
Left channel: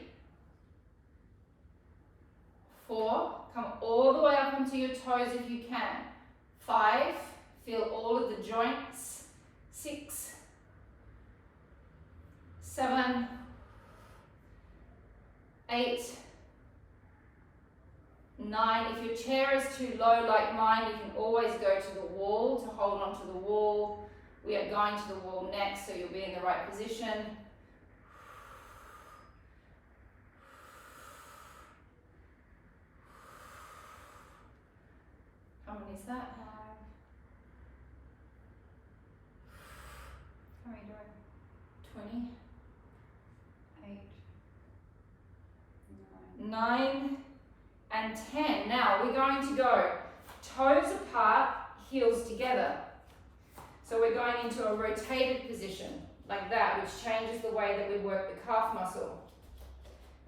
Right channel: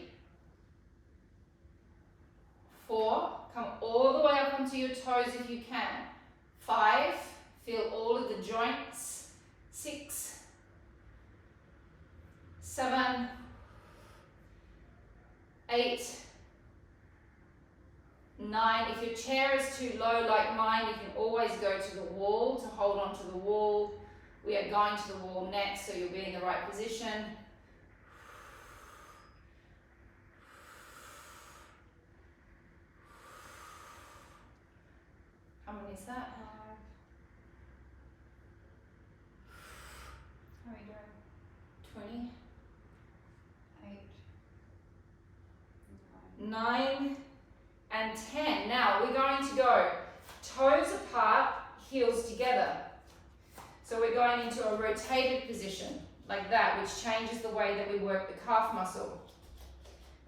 4, come all the way up onto your toes if you can. 5, feel all of the joints. 6, 7, 8, 9. If your chair is too low like mine, you can always go to the wall to hold on to the wall. We are going to the wall next, so you'll be in the right position. How many is that? How many do I 20. have? 8, 9 and 10. Now we're going to go toes apart, heels together. So we're going into a rotated position like that, which changes the way that we work the calf muscle.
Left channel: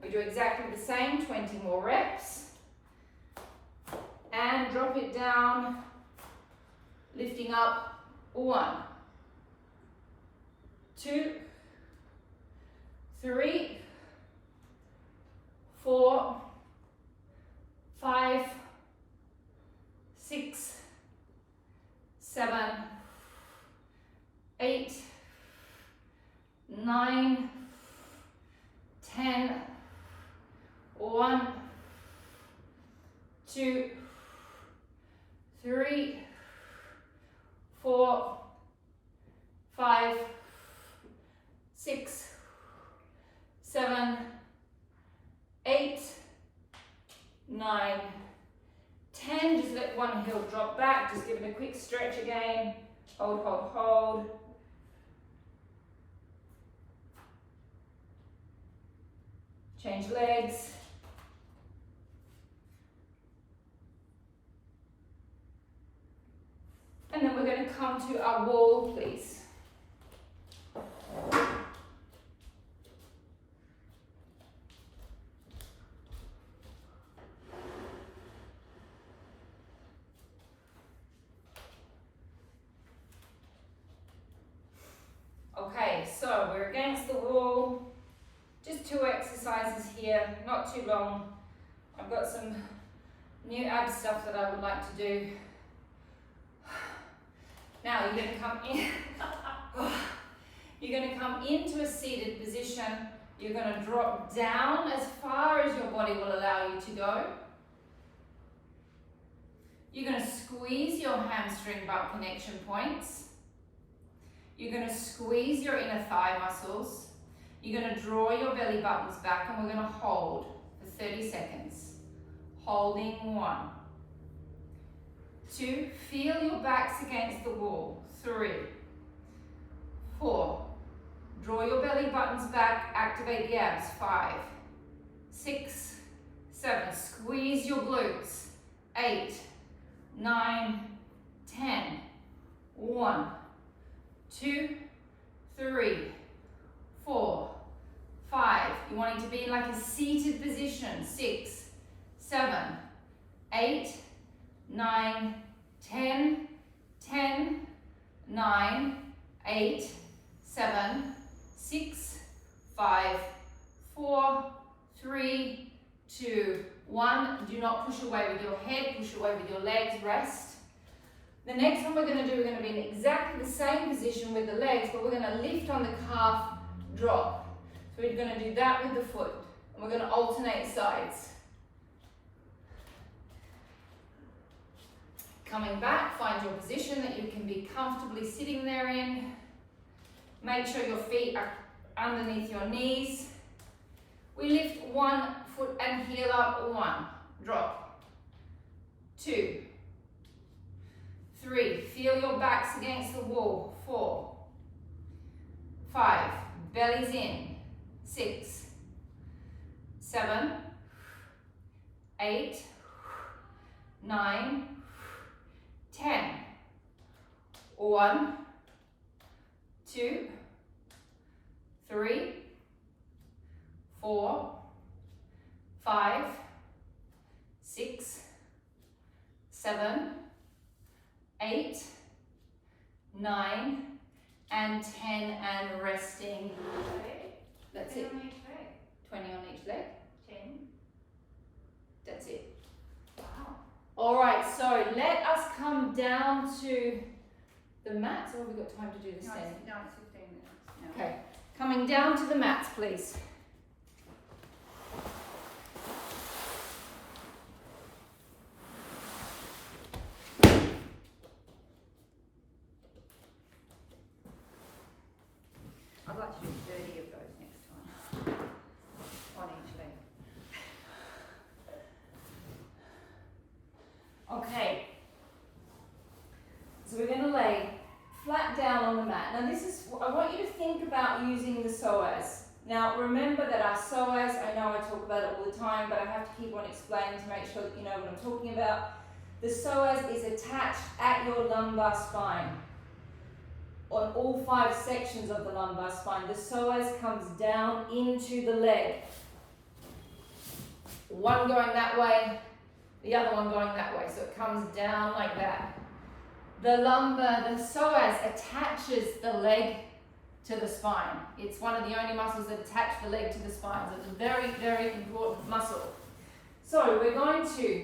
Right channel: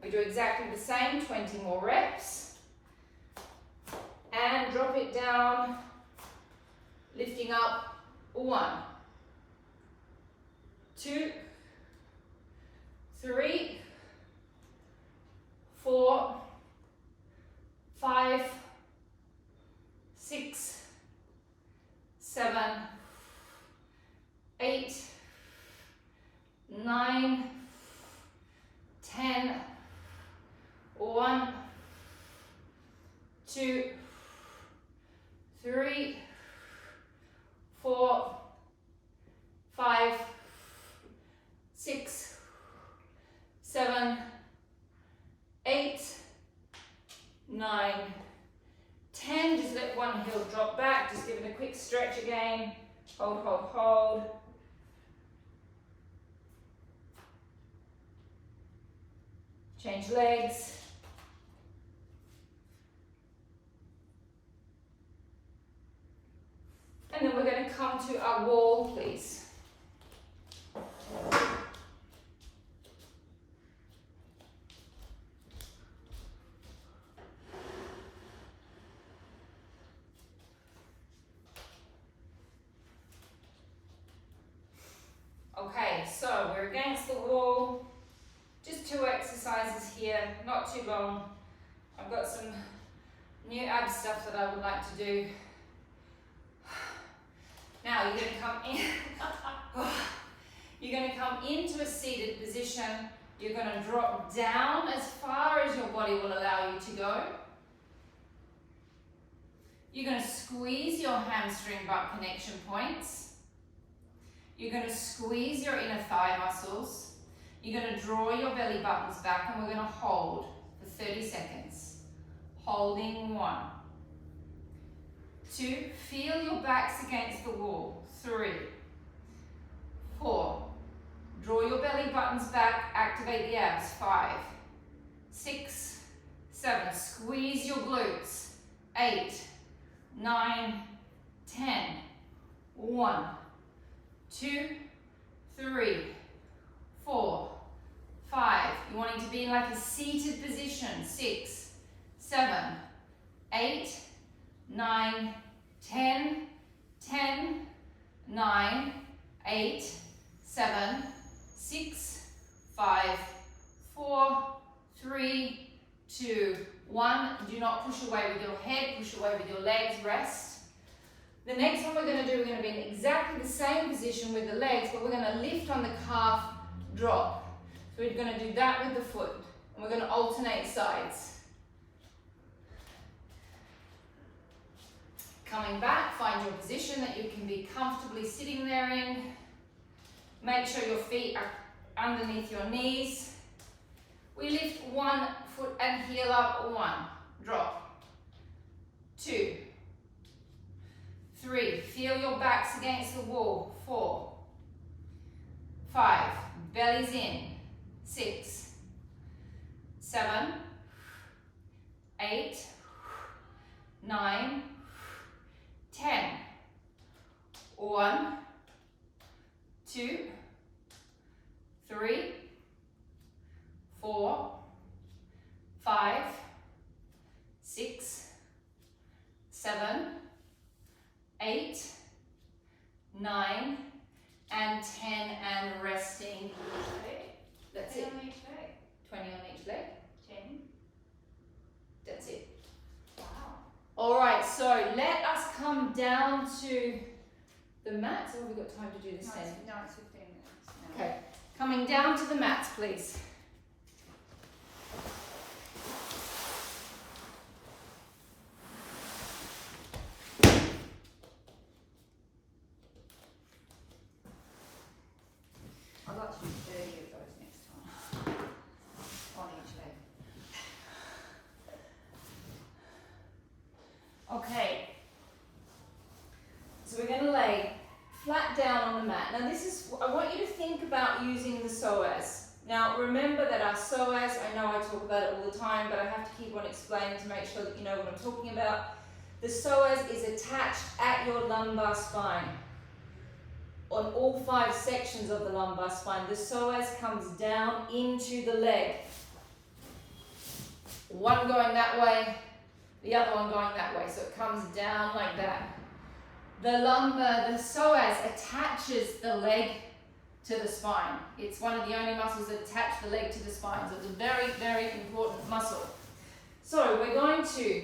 We do exactly the same, 20 more reps. And drop it down, lifting up. 1, 2, 3, 4, 5, 6, 7, 8, 9, 10, 1, 2, 3, 4, 5, 6, 7, 8, 9, 10. Just let one heel drop back. Just give it a quick stretch again. Hold, hold, hold. Change legs. And then we're going to come to our wall, please. Okay, so we're against the wall. Just 2 exercises here, not too long. I've got some new ab stuff that I would like to do. Now you're going to come in. You're going to come into a seated position. You're going to drop down as far as your body will allow you to go. You're going to squeeze your hamstring butt connection points. You're going to squeeze your inner thigh muscles. You're going to draw your belly buttons back, and we're going to hold for 30 seconds. Holding. 1, 2, feel your backs against the wall. 3, 4, draw your belly buttons back, activate the abs. 5, 6, 7, squeeze your glutes. 8, 9, 10, 1, 2, 3, 4, 5. You want it to be in like a seated position. 6, 7, 8, 9, 10, 10, 9, 8, 7, 6, 5, 4, 3, 2, 1. Do not push away with your head, push away with your legs, rest. The next one we're going to do, we're going to be in exactly the same position with the legs, but we're going to lift on the calf, drop. So we're going to do that with the foot, and we're going to alternate sides. Coming back, find your position that you can be comfortably sitting there in. Make sure your feet are underneath your knees. We lift 1 foot and heel up. 1, drop. 2, 3, feel your backs against the wall. 4, 5, bellies in. 6, 7, 8, 9, 10. 1, 2, 3, 4, 5, 6, 7, 8, 9, and 10, and resting. That's it. 20 on each leg. 20 on each leg. 10. That's it. Wow. All right, so let us come down to the mats. Or have we got time to do this then? No, it's 15 minutes. No. Okay, coming down to the mats, please. I'd like to do 30 of those next time. On each leg. Okay, so we're going to lay flat down on the mat. Now this is, I want you to think about using the psoas. Now remember that our psoas, I know I talk about it all the time, but I have to keep on explaining to make sure that you know what I'm talking about. The psoas is attached at your lumbar spine. On all 5 sections of the lumbar spine, the psoas comes down into the leg. One going that way, the other one going that way, so it comes down like that. The psoas attaches the leg to the spine. It's one of the only muscles that attach the leg to the spine, so it's a very, very important muscle. So we're going to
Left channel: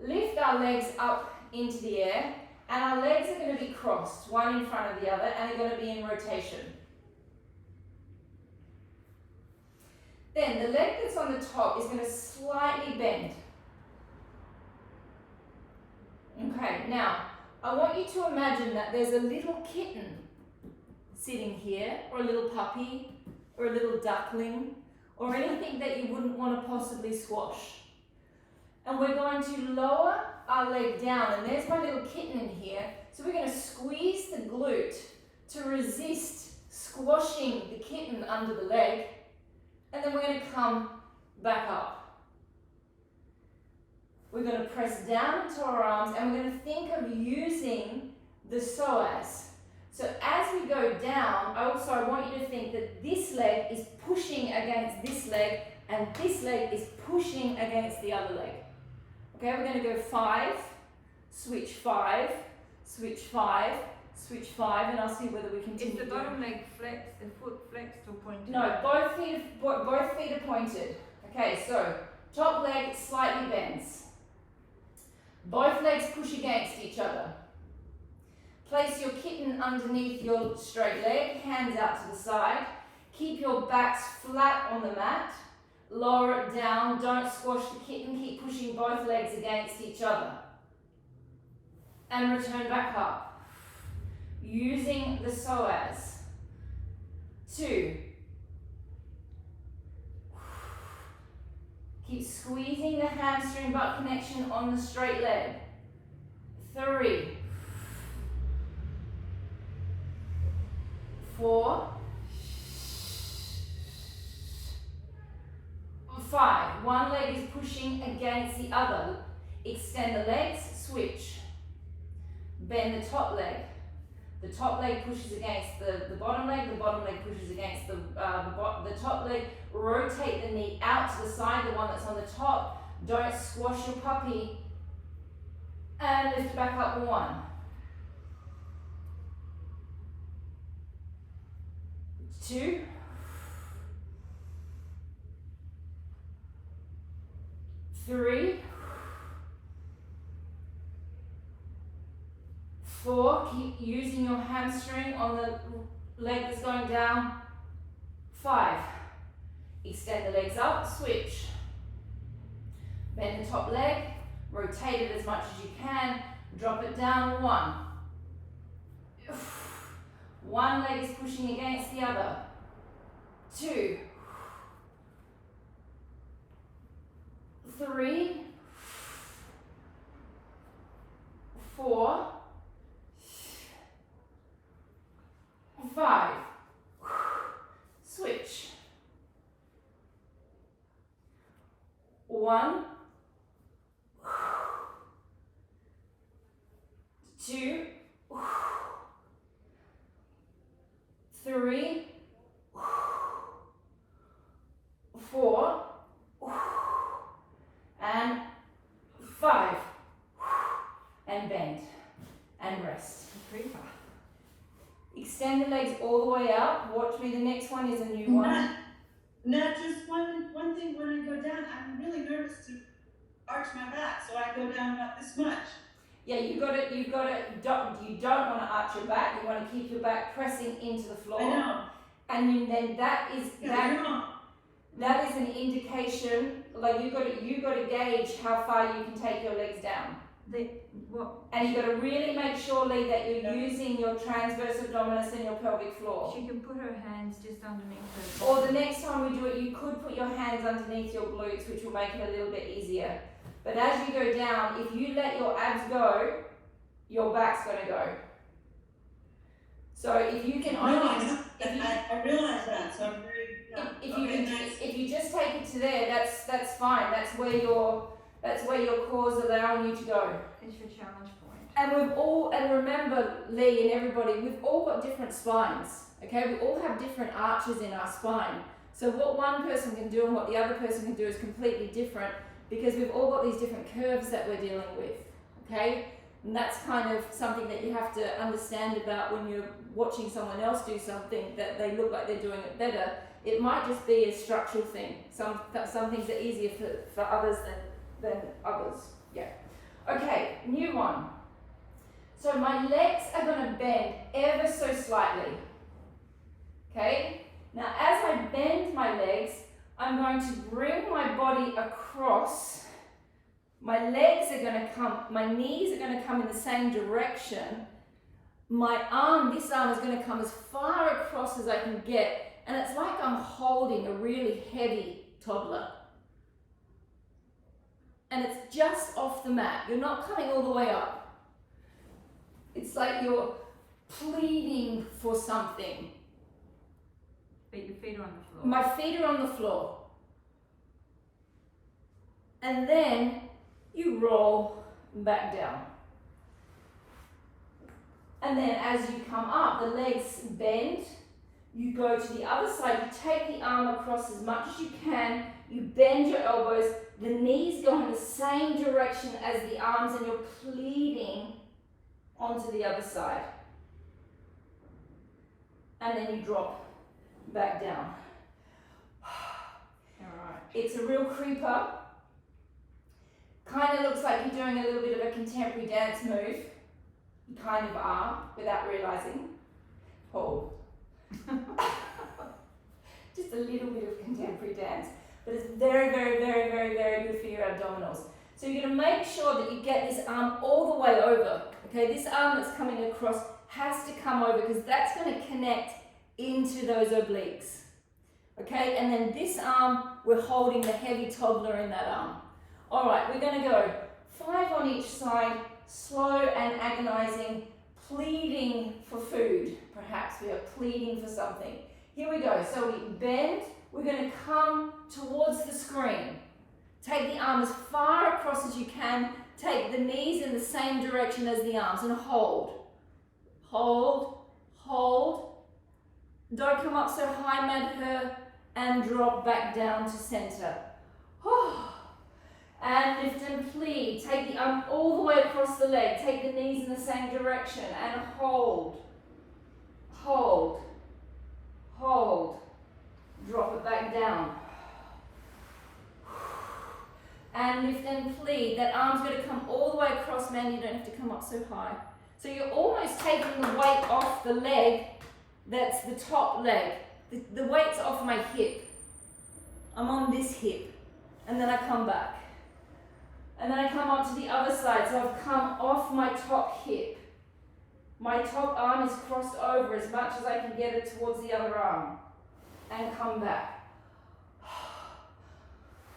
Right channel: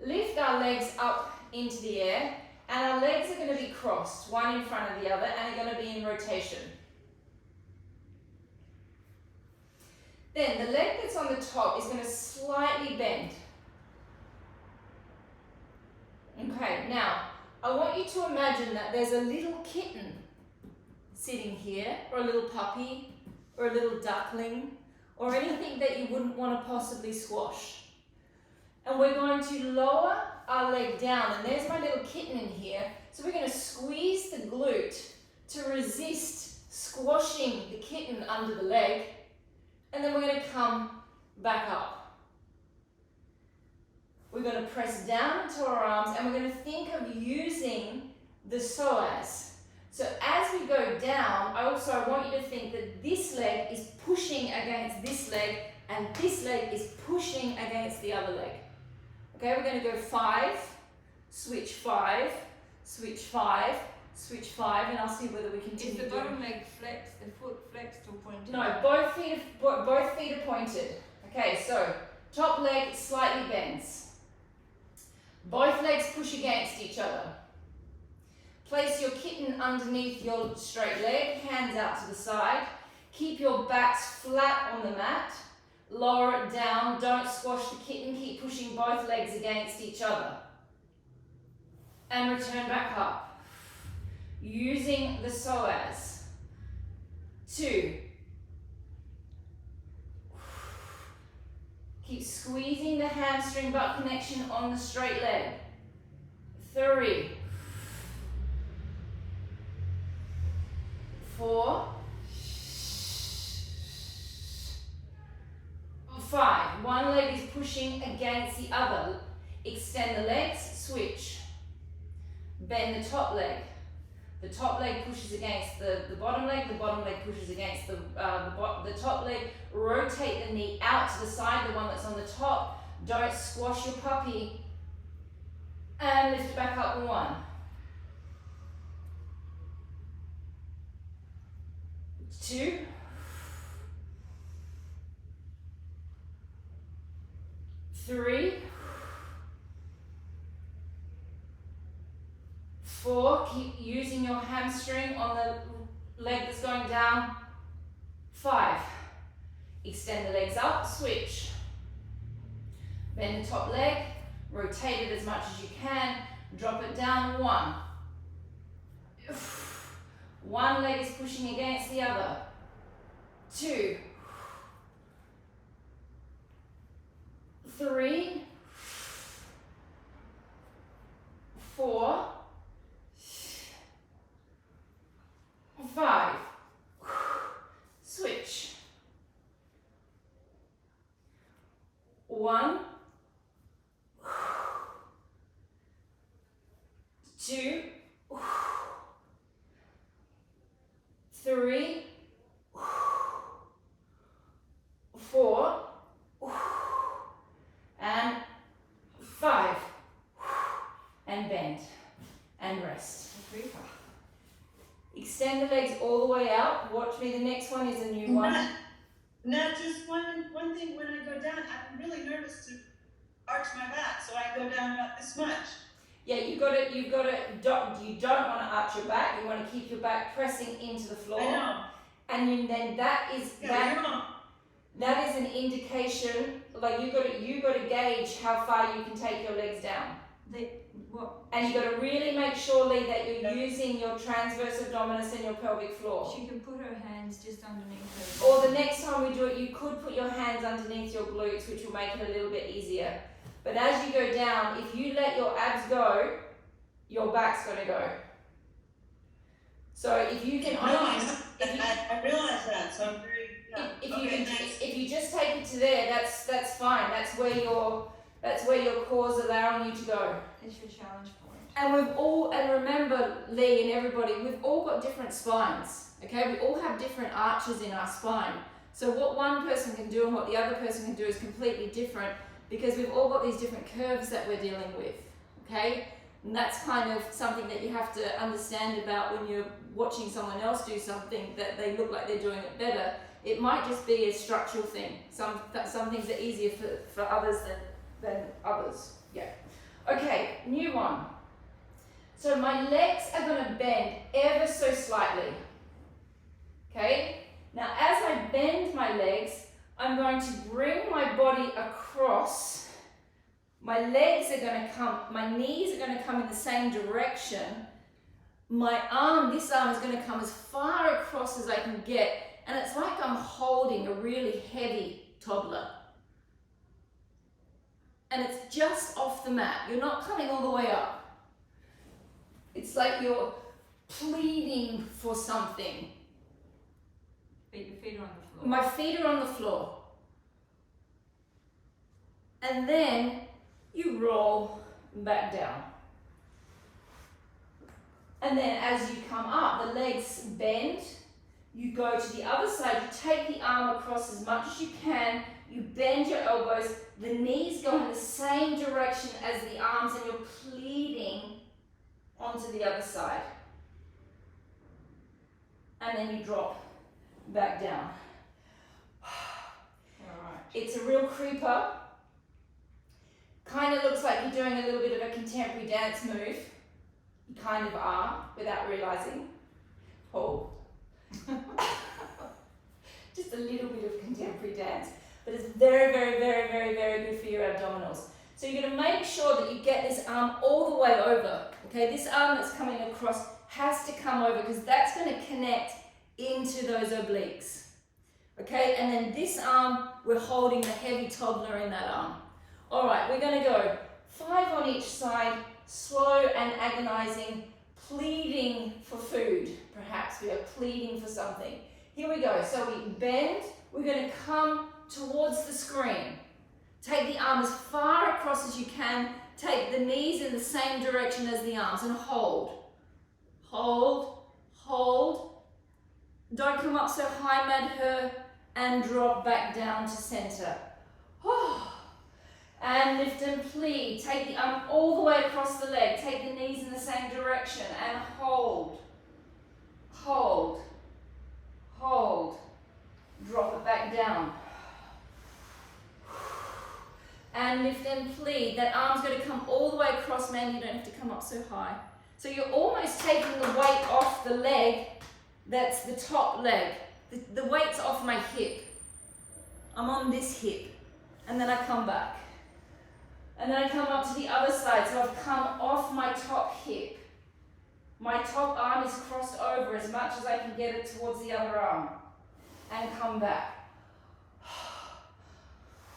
lift our legs up into the air, and our legs are going to be crossed, one in front of the other, and they're going to be in rotation. Then the leg that's on the top is going to slightly bend. Okay, now I want you to imagine that there's a little kitten sitting here, or a little puppy, or a little duckling, or anything that you wouldn't want to possibly squash. And we're going to lower our leg down, and there's my little kitten in here. So we're going to squeeze the glute to resist squashing the kitten under the leg, and then we're going to come back up. We're going to press down into our arms, and we're going to think of using the psoas. So as we go down, I want you to think that this leg is pushing against this leg, and this leg is pushing against the other leg. Okay, we're going to go 5, switch 5, switch 5, switch 5, and I'll see whether we continue. Is the bottom leg flexed, the foot flexed or pointed? No, both feet are pointed. Okay, so top leg slightly bends. Both legs push against each other. Place your kitten underneath your straight leg, hands out to the side. Keep your backs flat on the mat. Lower it down, don't squash the kitten, keep pushing both legs against each other. And return back up. Using the psoas. 2. Keep squeezing the hamstring butt connection on the straight leg. 3. 4. 5. One leg is pushing against the other. Extend the legs, switch. Bend the top leg. The top leg pushes against the bottom leg pushes against the top leg. Rotate the knee out to the side, the one that's on the top. Don't squash your puppy. And lift it back up 1. 2. 3. 4. Keep using your hamstring on the leg that's going down. 5. Extend the legs up, switch. Bend the top leg, rotate it as much as you can, drop it down. 1. One leg is pushing against the other. 2. 3. 4. 5. Switch. 1. 2. 3. 4. and bend and rest. Creeper. Extend the legs all the way out. Watch me, the next one is a new one. Not just one thing, when I go down, I'm really nervous to arch my back, so I go down about this much. Yeah, you don't want to arch your back, you want to keep your back pressing into the floor. I know. And then that is Yeah, that is an indication, like you got to gauge how far you can take your legs down. And you got to really make sure, Lee, that you're using your transverse abdominis and your pelvic floor. She can put her hands just underneath her. Or the next time we do it, you could put your hands underneath your glutes, which will make it a little bit easier. But as you go down, if you let your abs go, your back's going to go. So if you can only, I realize that, so I'm very. if you just take it to there, that's fine. That's where your core's allowing you to go. It's your challenge point. And remember, Lee and everybody, we've all got different spines. Okay, we all have different arches in our spine. So what one person can do and what the other person can do is completely different, because we've all got these different curves that we're dealing with. Okay, and that's kind of something that you have to understand about when you're watching someone else do something that they look like they're doing it better. It might just be a structural thing. Some things are easier for others than others. Yeah. Okay, new one. So my legs are going to bend ever so slightly. Okay? Now as I bend my legs, I'm going to bring my body across. My legs are going to come, my knees are going to come in the same direction. This arm is going to come as far across as I can get. And it's like I'm holding a really heavy toddler. And it's just off the mat. You're not coming all the way up. It's like you're pleading for something. But your feet are on the floor. My feet are on the floor. And then you roll back down. And then as you come up, the legs bend. You go to the other side, you take the arm across as much as you can, you bend your elbows, the knees go in the same direction as the arms, and you're pleating onto the other side. And then you drop back down. Alright. It's a real creeper. Kind of looks like you're doing a little bit of a contemporary dance move. You kind of are, without realizing. Hold. Just a little bit of contemporary dance, but it's very, very, very, very, very good for your abdominals. So you're going to make sure that you get this arm all the way over. Okay, this arm that's coming across has to come over, because that's going to connect into those obliques. Okay, and then this arm, we're holding the heavy toddler in that arm. All right, we're going to go 5 on each side, slow and agonizing, pleading for food. Perhaps we are pleading for something. Here we go. So we bend. We're going to come towards the screen. Take the arm as far across as you can. Take the knees in the same direction as the arms and hold. Hold, hold. Don't come up so high, Madhur, and drop back down to center. And lift and plead. Take the arm all the way across the leg. Take the knees in the same direction and hold. Hold. Hold. Drop it back down. And lift and plead. That arm's going to come all the way across, man. You don't have to come up so high. So you're almost taking the weight off the leg. That's the top leg. The weight's off my hip. I'm on this hip. And then I come back. And then I come up to the other side, so I've come off my top hip. My top arm is crossed over as much as I can get it towards the other arm. And come back.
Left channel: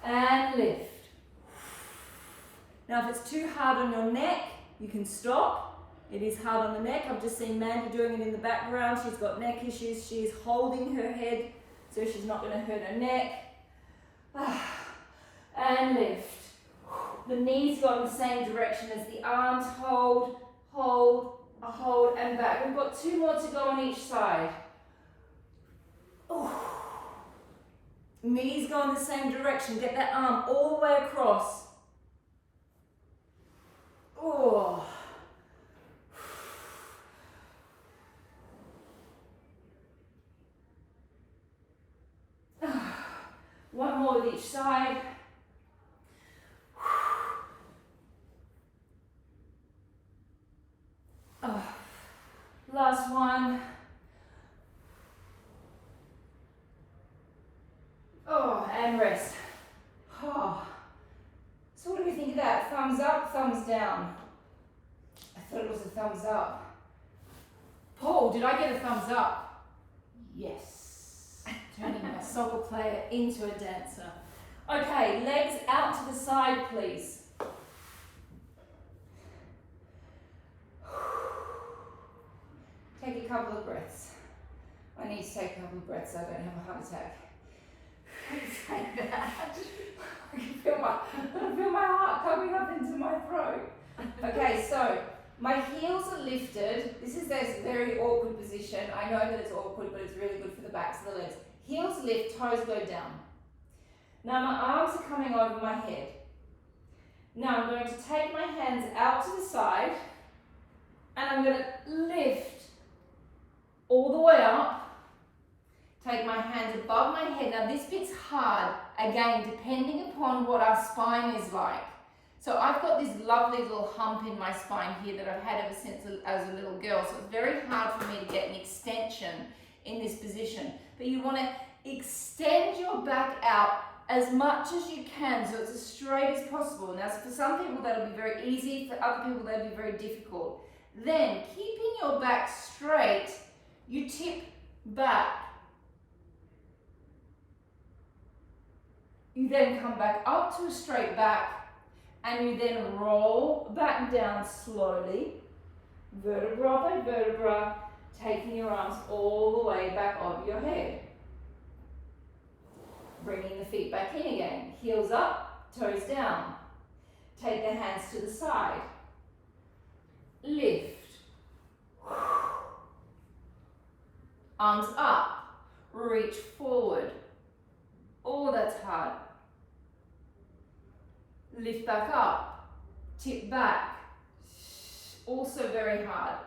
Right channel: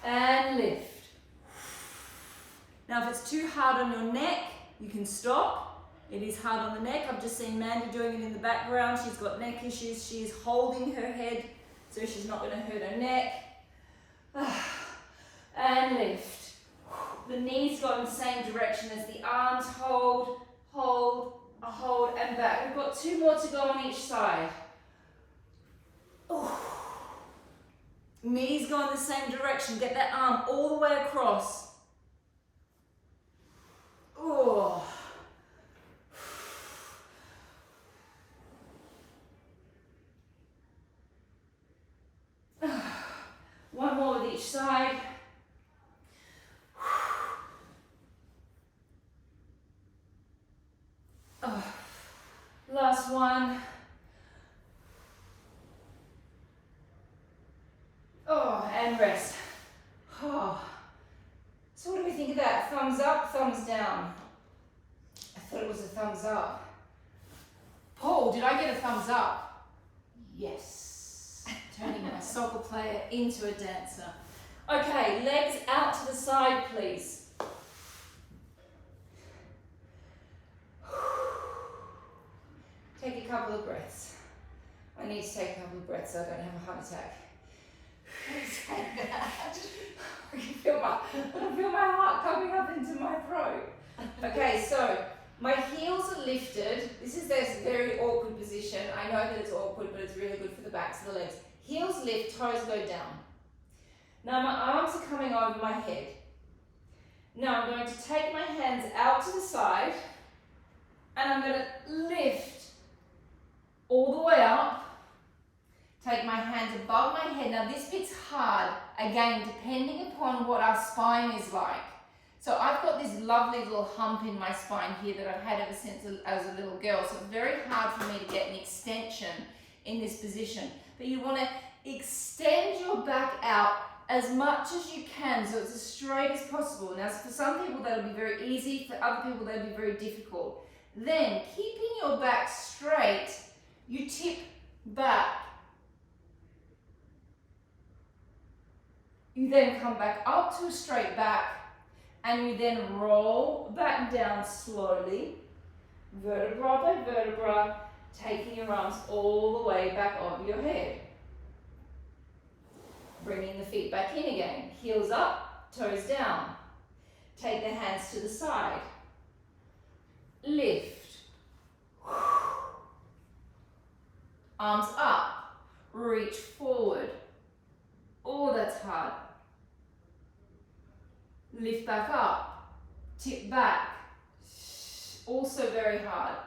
And lift. Now if it's too hard on your neck, you can stop. It is hard on the neck. I've just seen Mandy doing it in the background. She's got neck issues. She is holding her head, so she's not going to hurt her neck. And lift. The knees go in the same direction as the arms. Hold, hold, hold, and back. We've got 2 more to go on each side. Knees go in the same direction. Get that arm all the way across. with each side. Oh, last one. Oh, and rest. Oh. So what do we think of that? Thumbs up, thumbs down? I thought it was a thumbs up. Paul, did I get a thumbs up? Yes. Turning my soccer player into a dancer. Okay, legs out to the side, please. Take a couple of breaths. I need to take a couple of breaths so I don't have a heart attack. I can feel my heart coming up into my throat. Okay, so my heels are lifted. This is this very awkward position. I know that it's awkward, but it's really good for the backs of the legs. Heels lift, toes go down. Now my arms are coming over my head. Now I'm going to take my hands out to the side and I'm going to lift all the way up. Take my hands above my head. Now this bit's hard, again, depending upon what our spine is like. So I've got this lovely little hump in my spine here that I've had ever since as a little girl. So it's very hard for me to get an extension in this position. But you want to extend your back out as much as you can so it's as straight as possible. Now for some people that'll be very easy, for other people that'll be very difficult. Then keeping your back straight, you tip back. You then come back up to a straight back and you then roll back down slowly, vertebra by vertebra, taking your arms all the way back over your head. Bringing the feet back in again, heels up, toes down. Take the hands to the side. Lift. Arms up, reach forward. Oh, that's hard. Lift back up, tip back. Also very hard.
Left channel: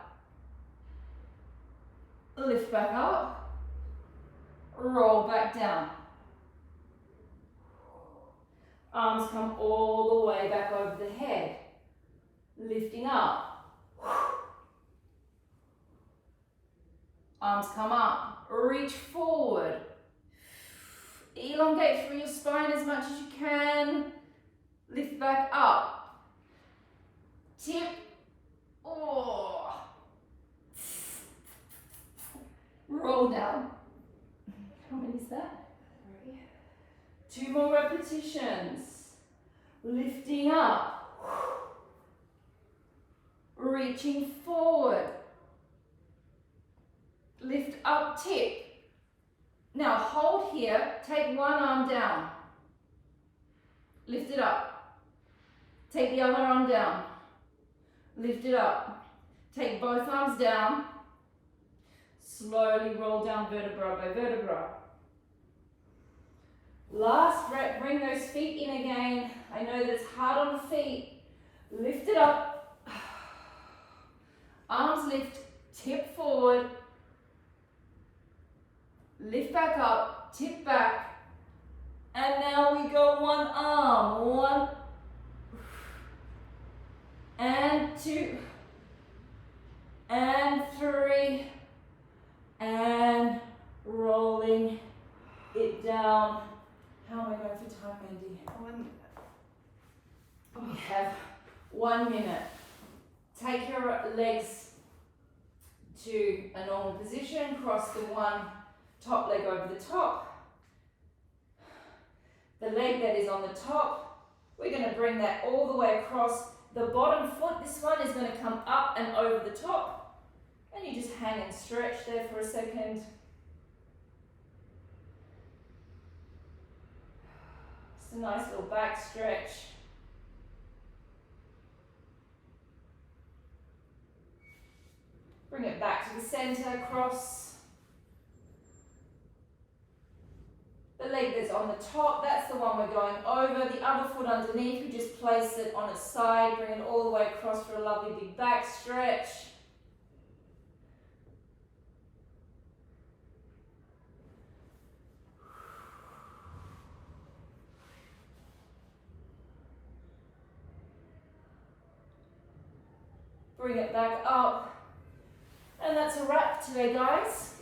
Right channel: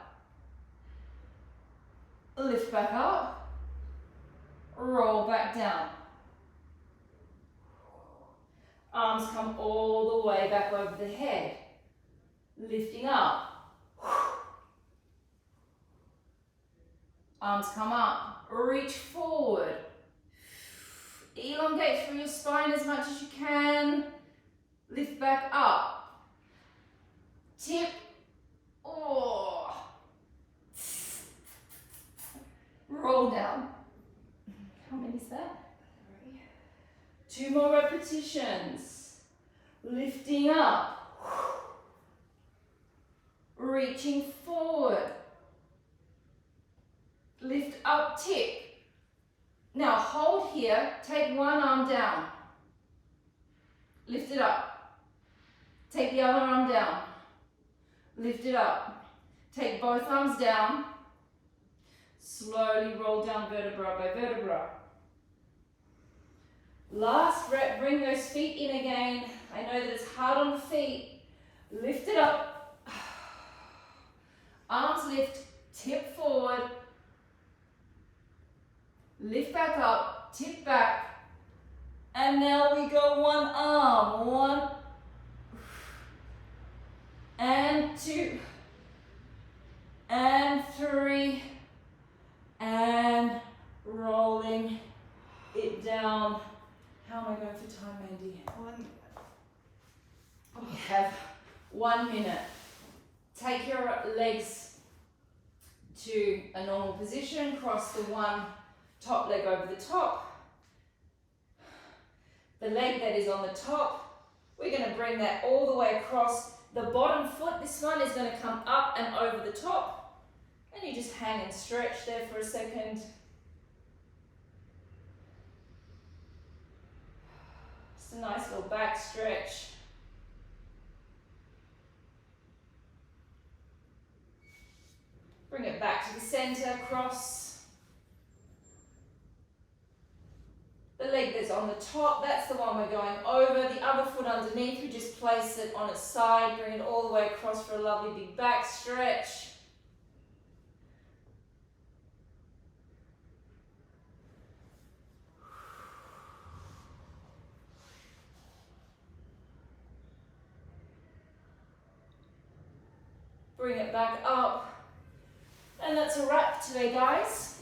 Lift back up, roll back down. Arms come all the way back over the head. Lifting up. Arms come up, reach forward. Elongate through your spine as much as you can. Lift back up. Tip. Oh. Roll down. How many is that? 2 more repetitions. Lifting up. Reaching forward. Lift up, tip. Now hold here, take one arm down. Lift it up. Take the other arm down. Lift it up. Take both arms down. Slowly roll down vertebra by vertebra. Last rep, bring those feet in again. I know that it's hard on the feet. Lift it up. Arms lift, tip forward. Lift back up, tip back. And now we go one arm. 1 and 2 and 3 and rolling it down. How am I going for time, Mandy? We have 1 minute. Take your legs to a normal position. Cross the one top leg over the top. The leg that is on the top, we're going to bring that all the way across. The bottom foot, this one is going to come up and over the top. And you just hang and stretch there for a second. Just a nice little back stretch. Bring it back to the center, cross. The leg that's on the top, that's the one we're going over. The other foot underneath, we just place it on its side, bring it all the way across for a lovely big back stretch. bring it back up. And that's a wrap today, guys.